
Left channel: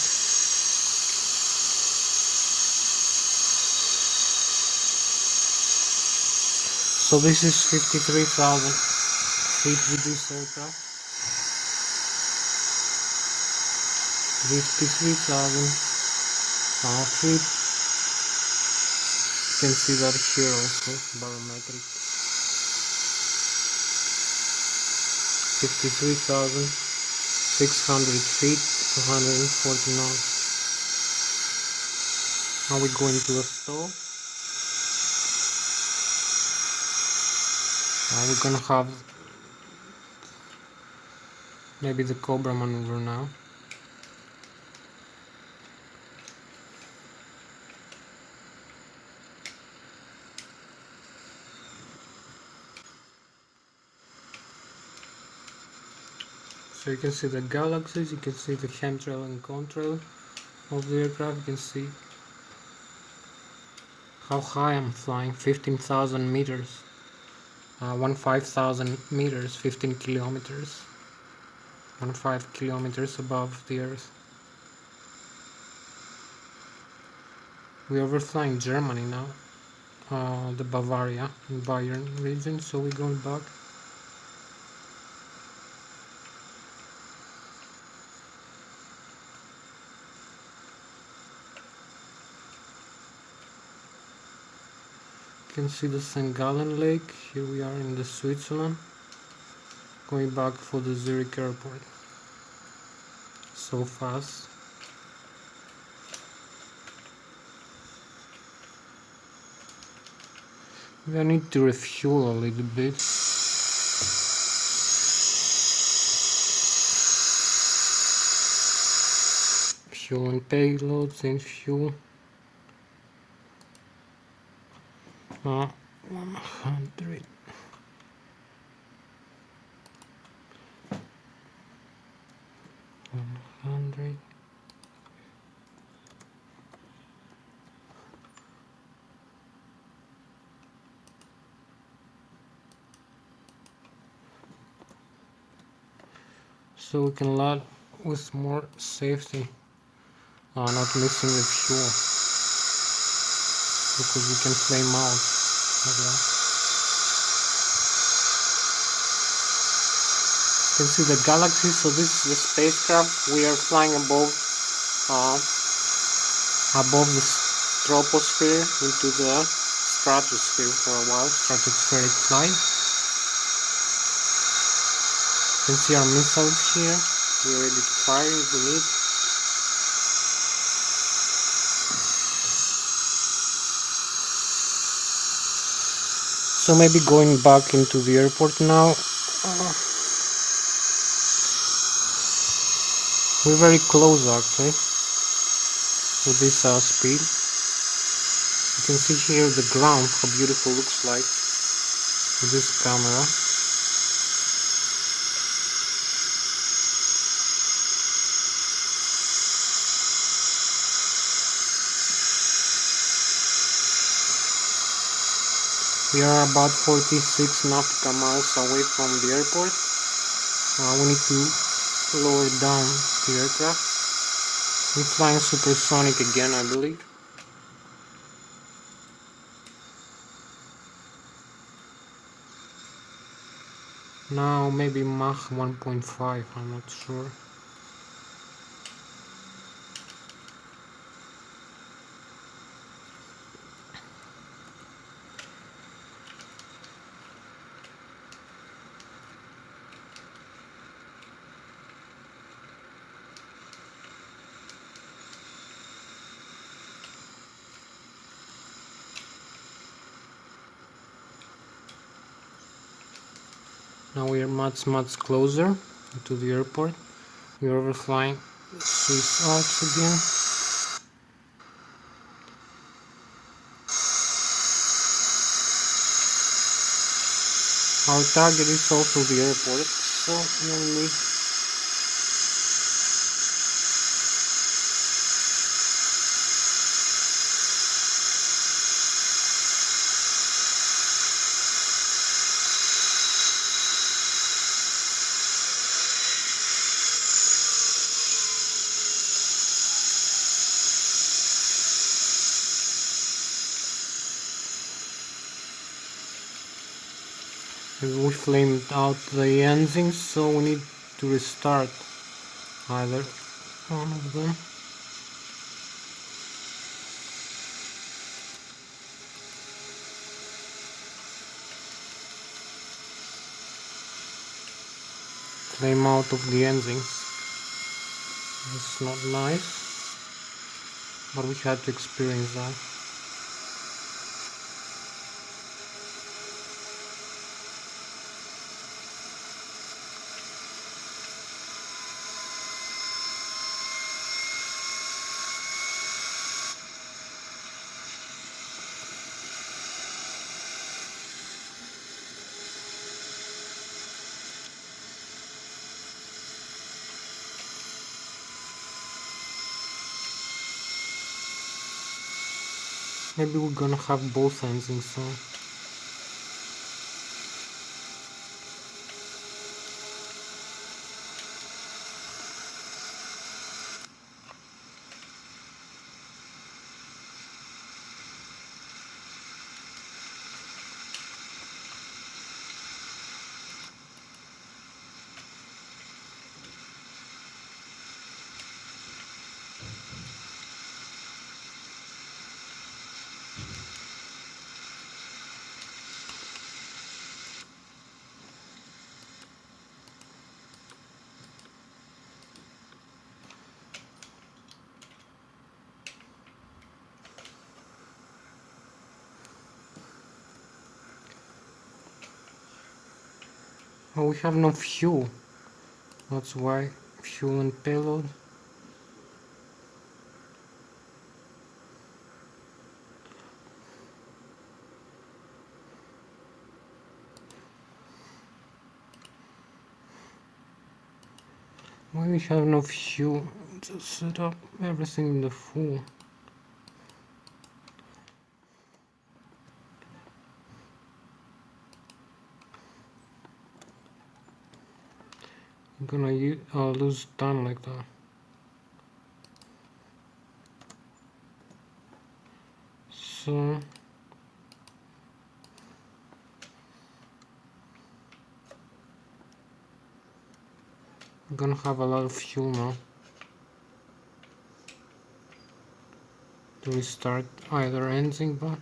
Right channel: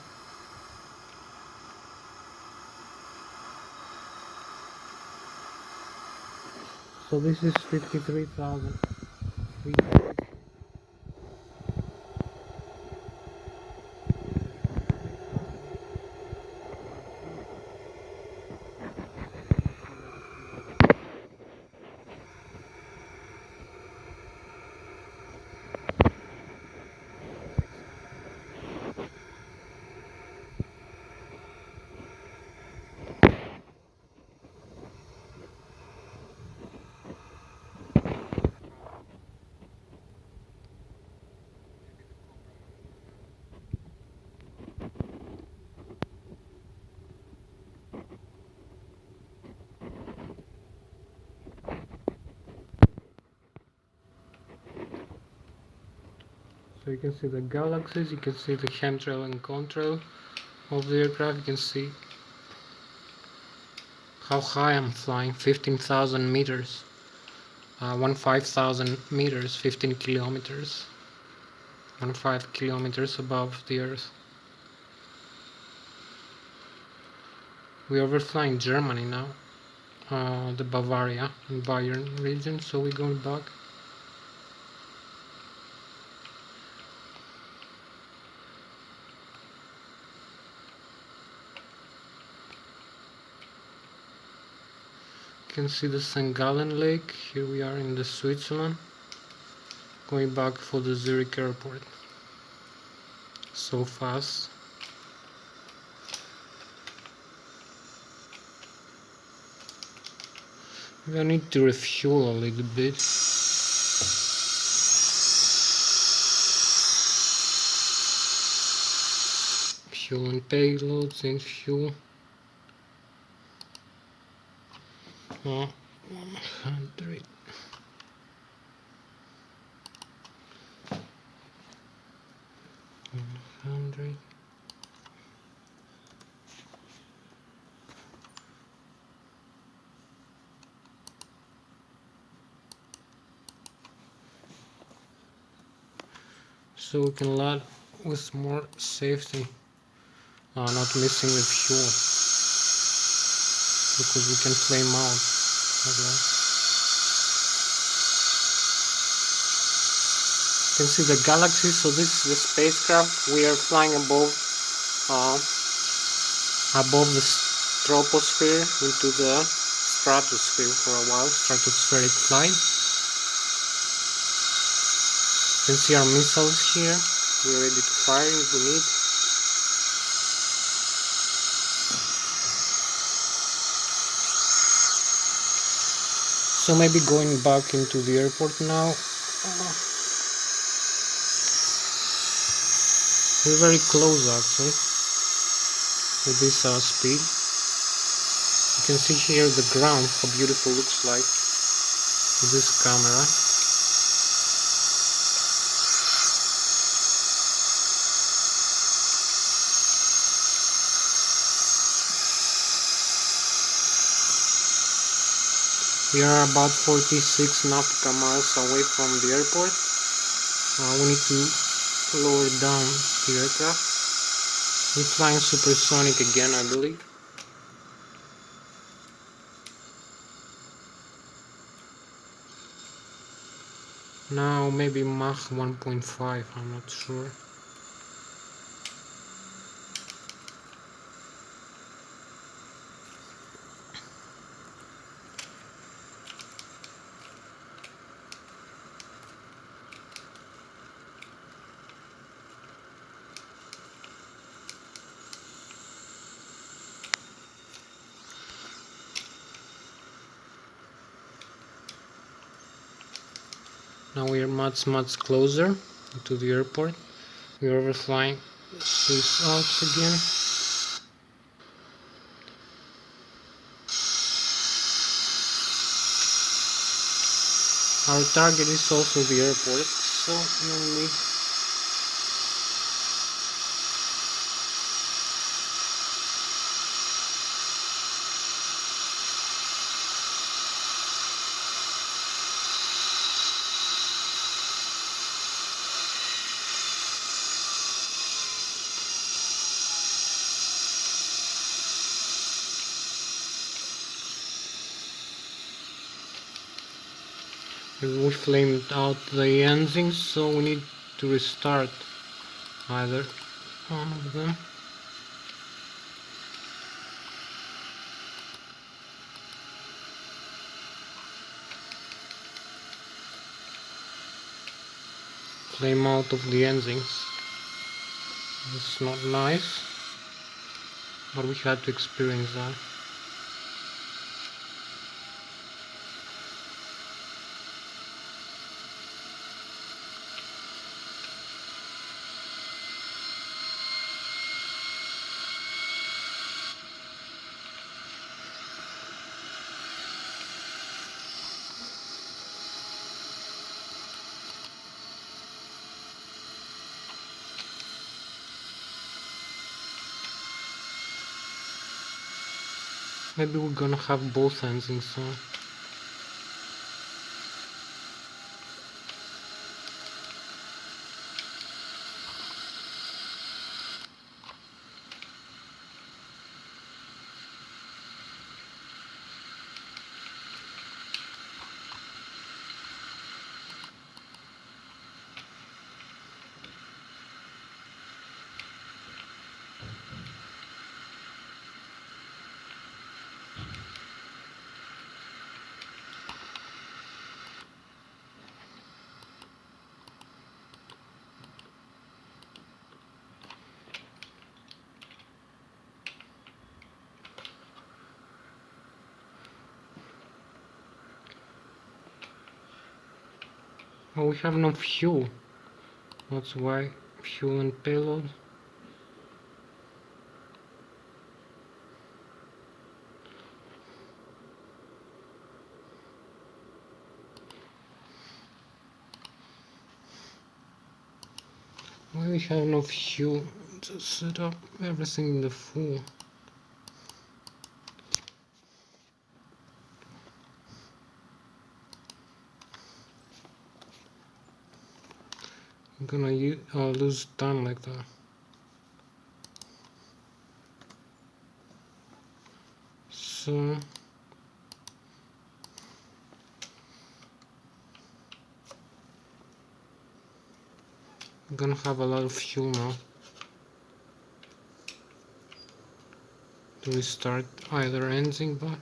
So this is 53,000 feet of this aircraft. 53,000 feet. You can see that here also, barometric. 53,600 feet, 240 knots. Now we're going to a stall. We're gonna have maybe the Cobra maneuver now. So you can see the galaxies, you can see the chemtrail and contrail of the aircraft. You can see how high I'm flying, 15,000 meters, 15,000 meters, 15 kilometers, 15 kilometers above the earth. We're overflying Germany now, the Bavaria and Bayern region, so we're going back. You can see the St. Gallen Lake. Here we are in the Switzerland, going back for the Zurich airport. So fast. Maybe I need to refuel a little bit. Fuel and payloads and fuel. 100. 100. So we can land with more safety, not missing with fuel, because we can flame out like that. You can see the galaxy. So this is the spacecraft. We are flying above the troposphere into the stratosphere for a while, stratospheric flight. You can see our missiles here. We're ready to fire if we need. So maybe going back into the airport now. We're very close actually with this speed. You can see here the ground, how beautiful it looks like with this camera. We are about 46 nautical miles away from the airport. We need to lower down the aircraft. We're flying supersonic again, I believe. Now maybe Mach 1.5, I'm not sure. Now we are much closer to the airport. We are overflying the Swiss Alps again. Our target is also the airport, so no need. We flamed out the engines, so we need to restart either one of them. Flame out of the engines. It's not nice, but we had to experience that. Maybe we're gonna have both engines on. Oh, we have no fuel. That's why. Fuel and payload. Why we have no fuel? Just set up everything in the full. I'm gonna lose time like that. So I'm gonna have a lot of fuel now to restart either engine, but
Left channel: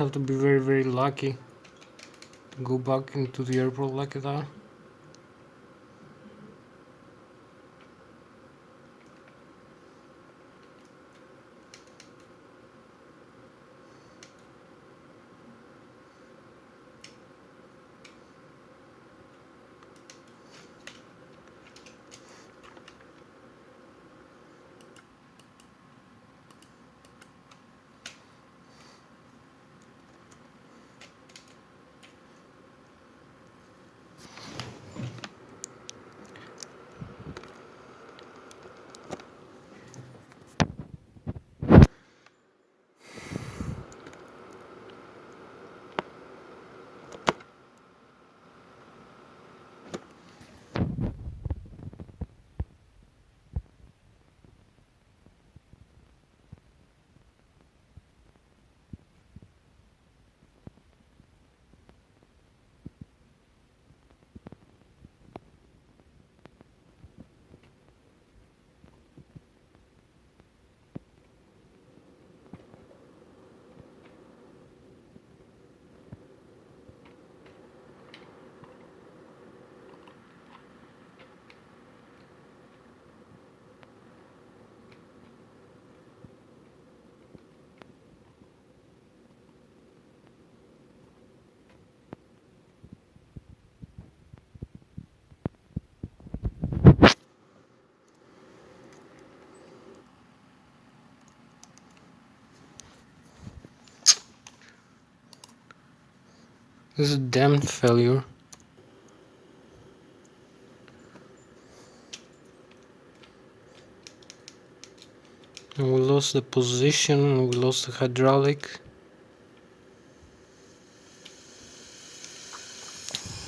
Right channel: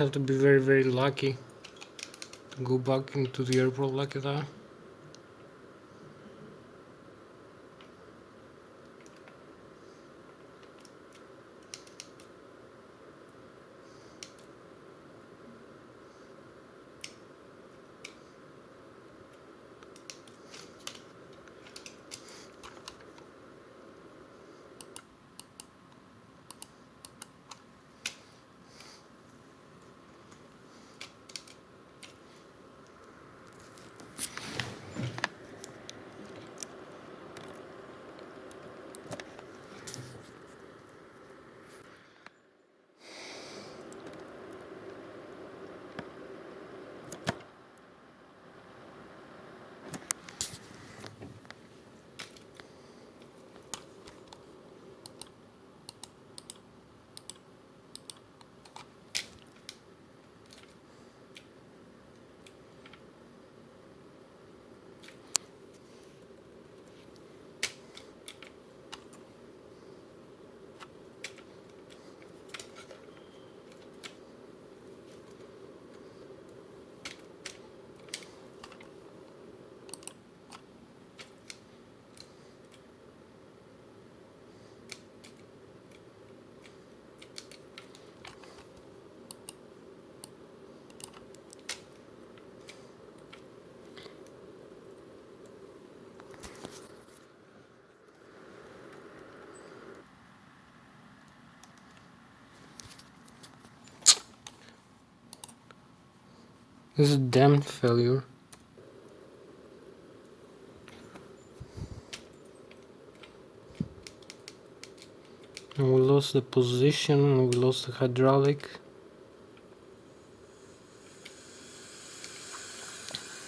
Have to be very, very lucky to go back into the airport like that. This is a damn failure. And we lost the position, and we lost the hydraulic.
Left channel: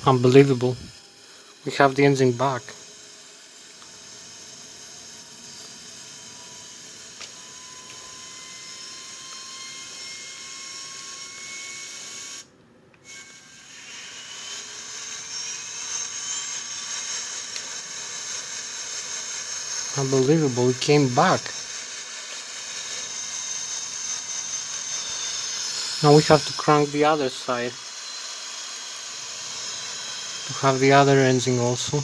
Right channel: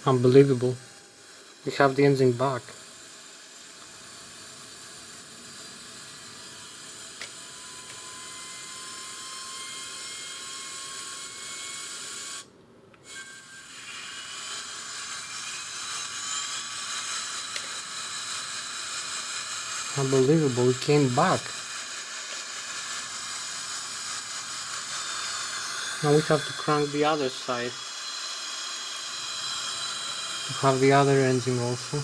Unbelievable. We have the engine back. Unbelievable, it came back. Now we have to crank the other side to have the other engine also,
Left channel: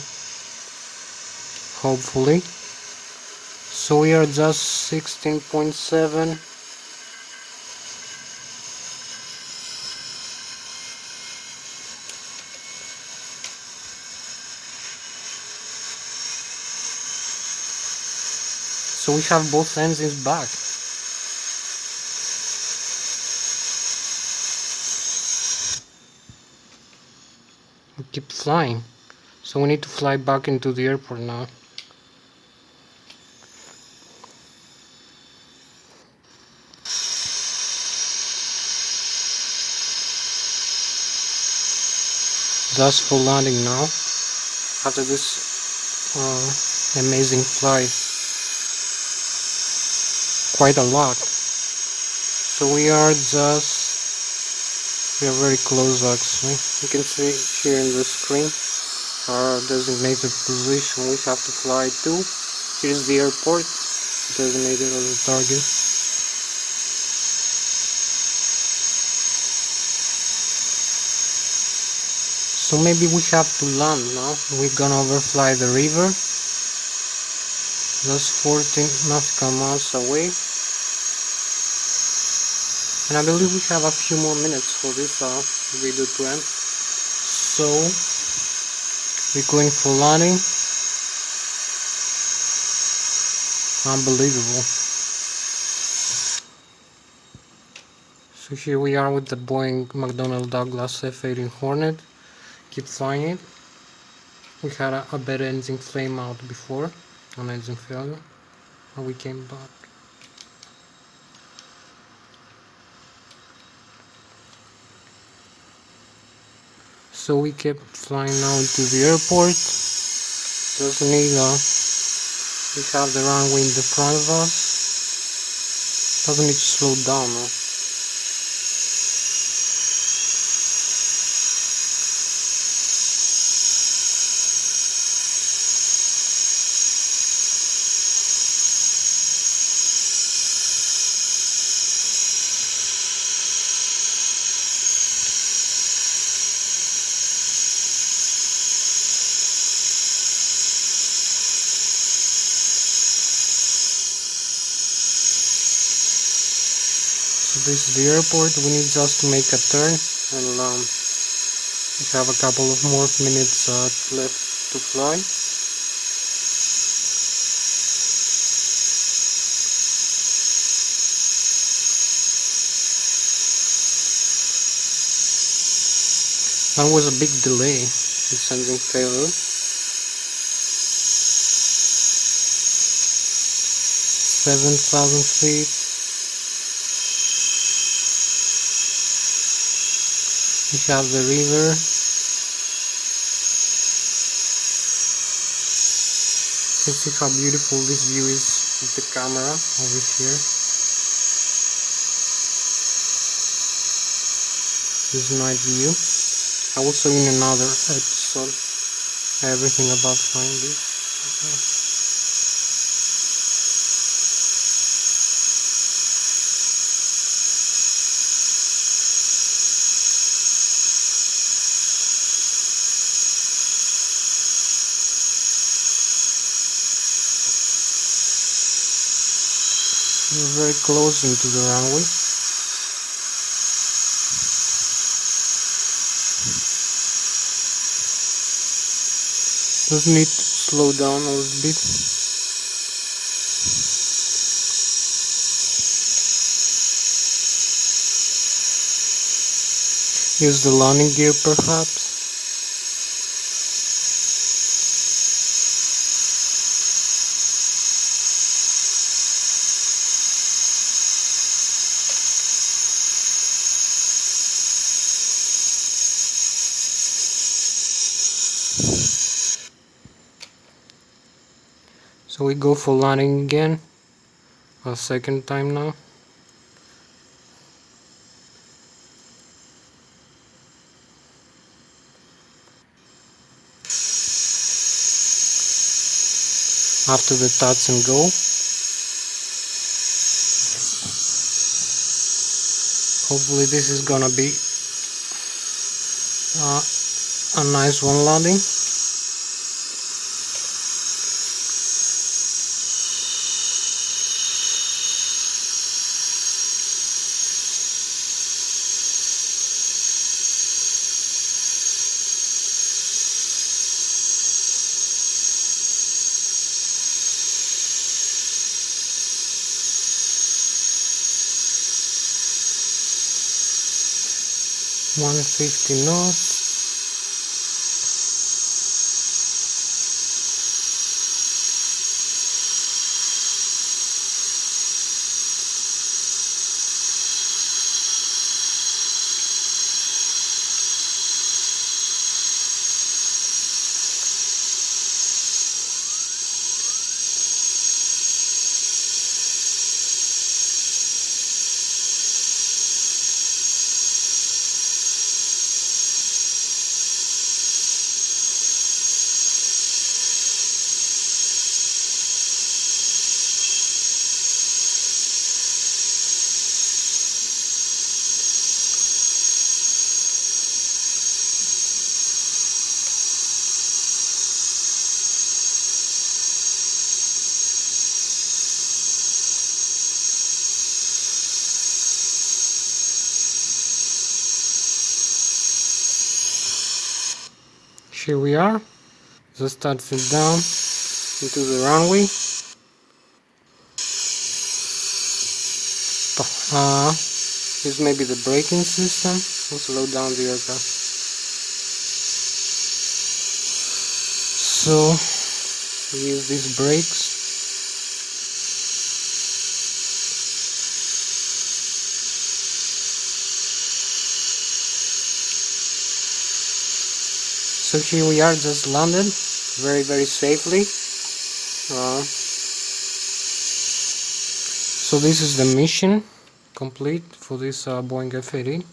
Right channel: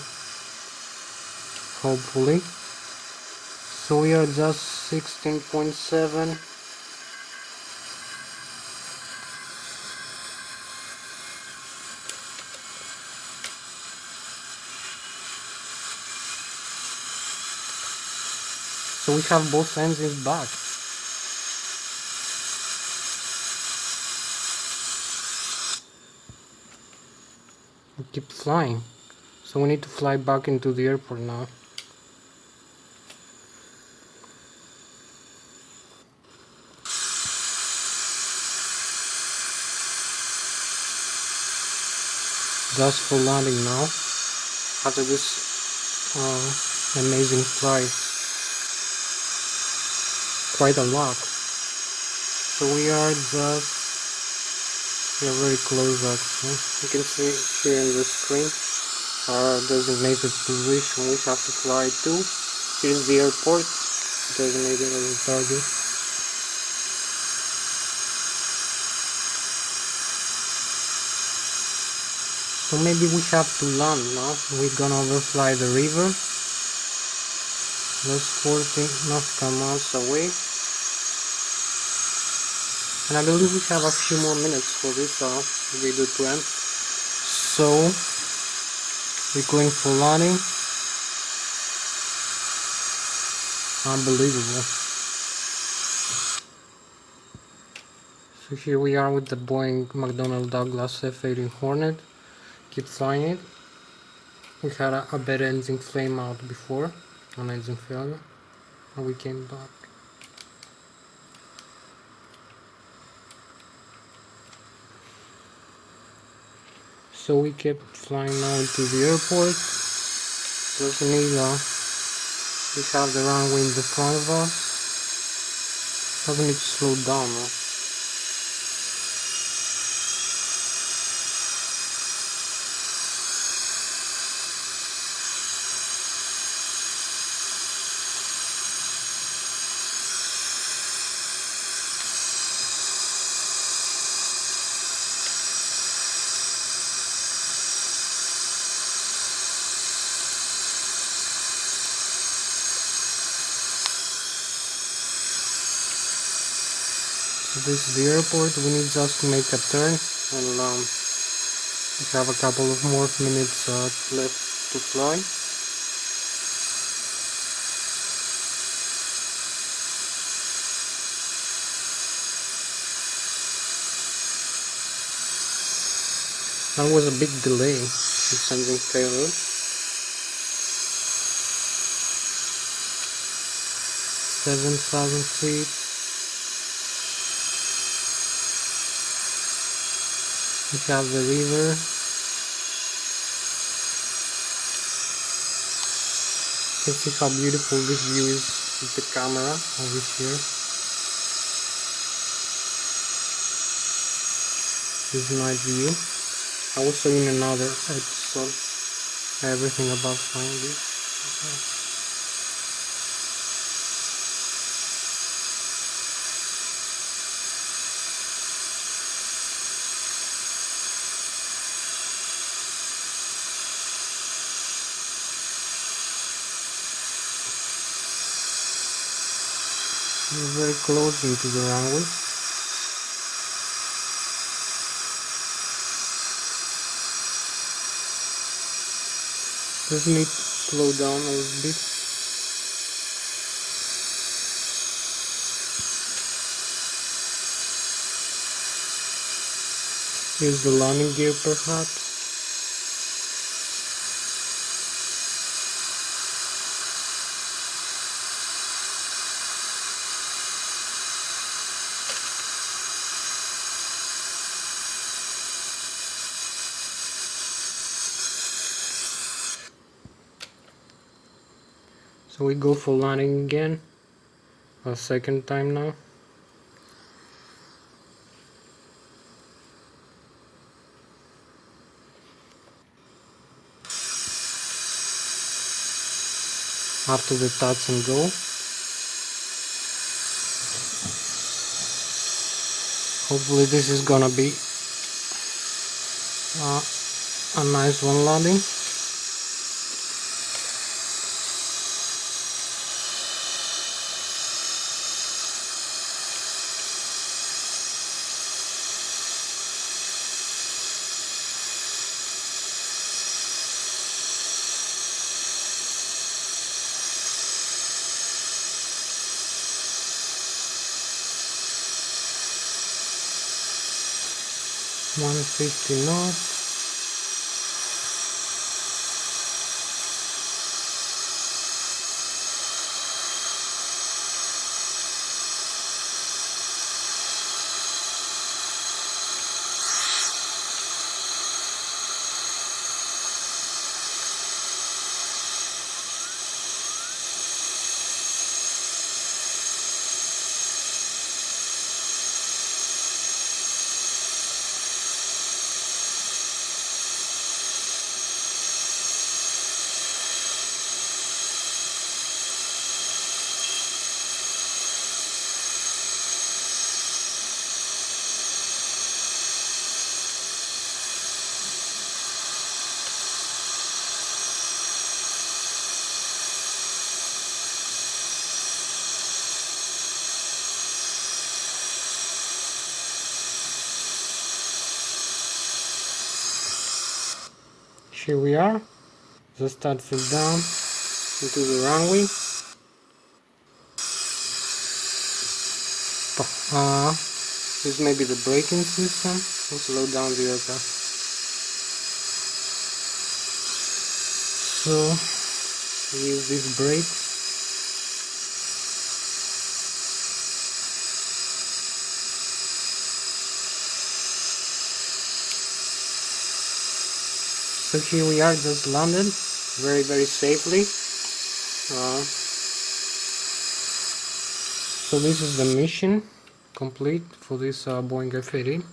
hopefully. So we are just 16.7. So we have both engines back. We keep flying. So we need to fly back into the airport now. Just for landing now. After this amazing flight. Quite a lot. So we are very close actually. You can see here in the screen our designated position we have to fly to. Here's the airport, designated as a target. So maybe we have to land now. We're gonna overfly the river. Just 14 nautical miles away. And I believe we have a few more minutes for this video to end. So we're going for landing. Unbelievable. So here we are with the Boeing Macdonel Douglas F-18 Hornet. Keep flying it. We had a bad engine flame out before, an engine failure, and we came back. So we kept flying now into the airport. Just need we have the runway in the front of us. Doesn't need to slow down now. This is the airport. We need just to make a turn, and we have a couple of more minutes left to fly. That was a big delay in sending failure. 7,000 feet. We have the river. You can see how beautiful this view is with the camera over here. This night view. I will show in another episode everything about flying this. We're very close into the runway. Just need to slow down a little bit. Use the landing gear perhaps. So we go for landing again, a second time now. After the touch and go. Hopefully this is gonna be a nice one landing. $150 knots. Here we are. Just touch it down into the runway. This may be the braking system. We'll slow down the aircraft. So we use these brakes. So here we are, just landed very safely. So this is the mission complete for this Boeing F-18.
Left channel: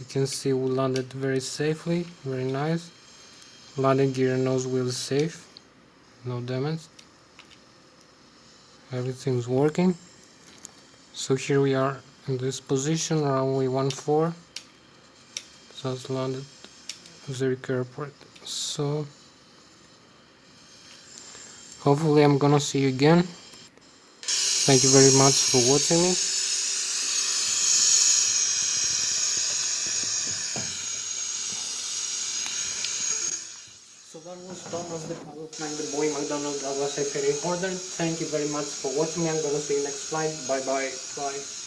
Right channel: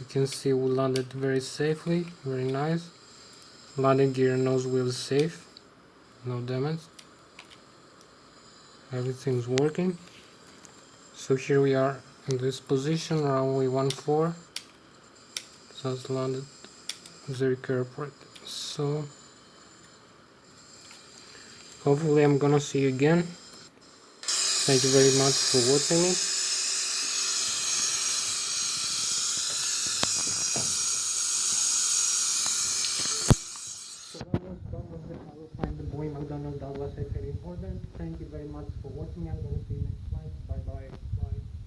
You can see we landed very safely, very nice. Landing gear and nose wheel is safe, no damage. Everything's working. So here we are in this position, runway 14. Just landed Zurich Airport. So Hopefully I'm gonna see you again. Thank you very much for watching me. So that was Thomas the pilot flying the Boeing Macdonel Douglas F-18 order. Thank you very much for watching me. I'm gonna see you next flight. Bye bye. Bye.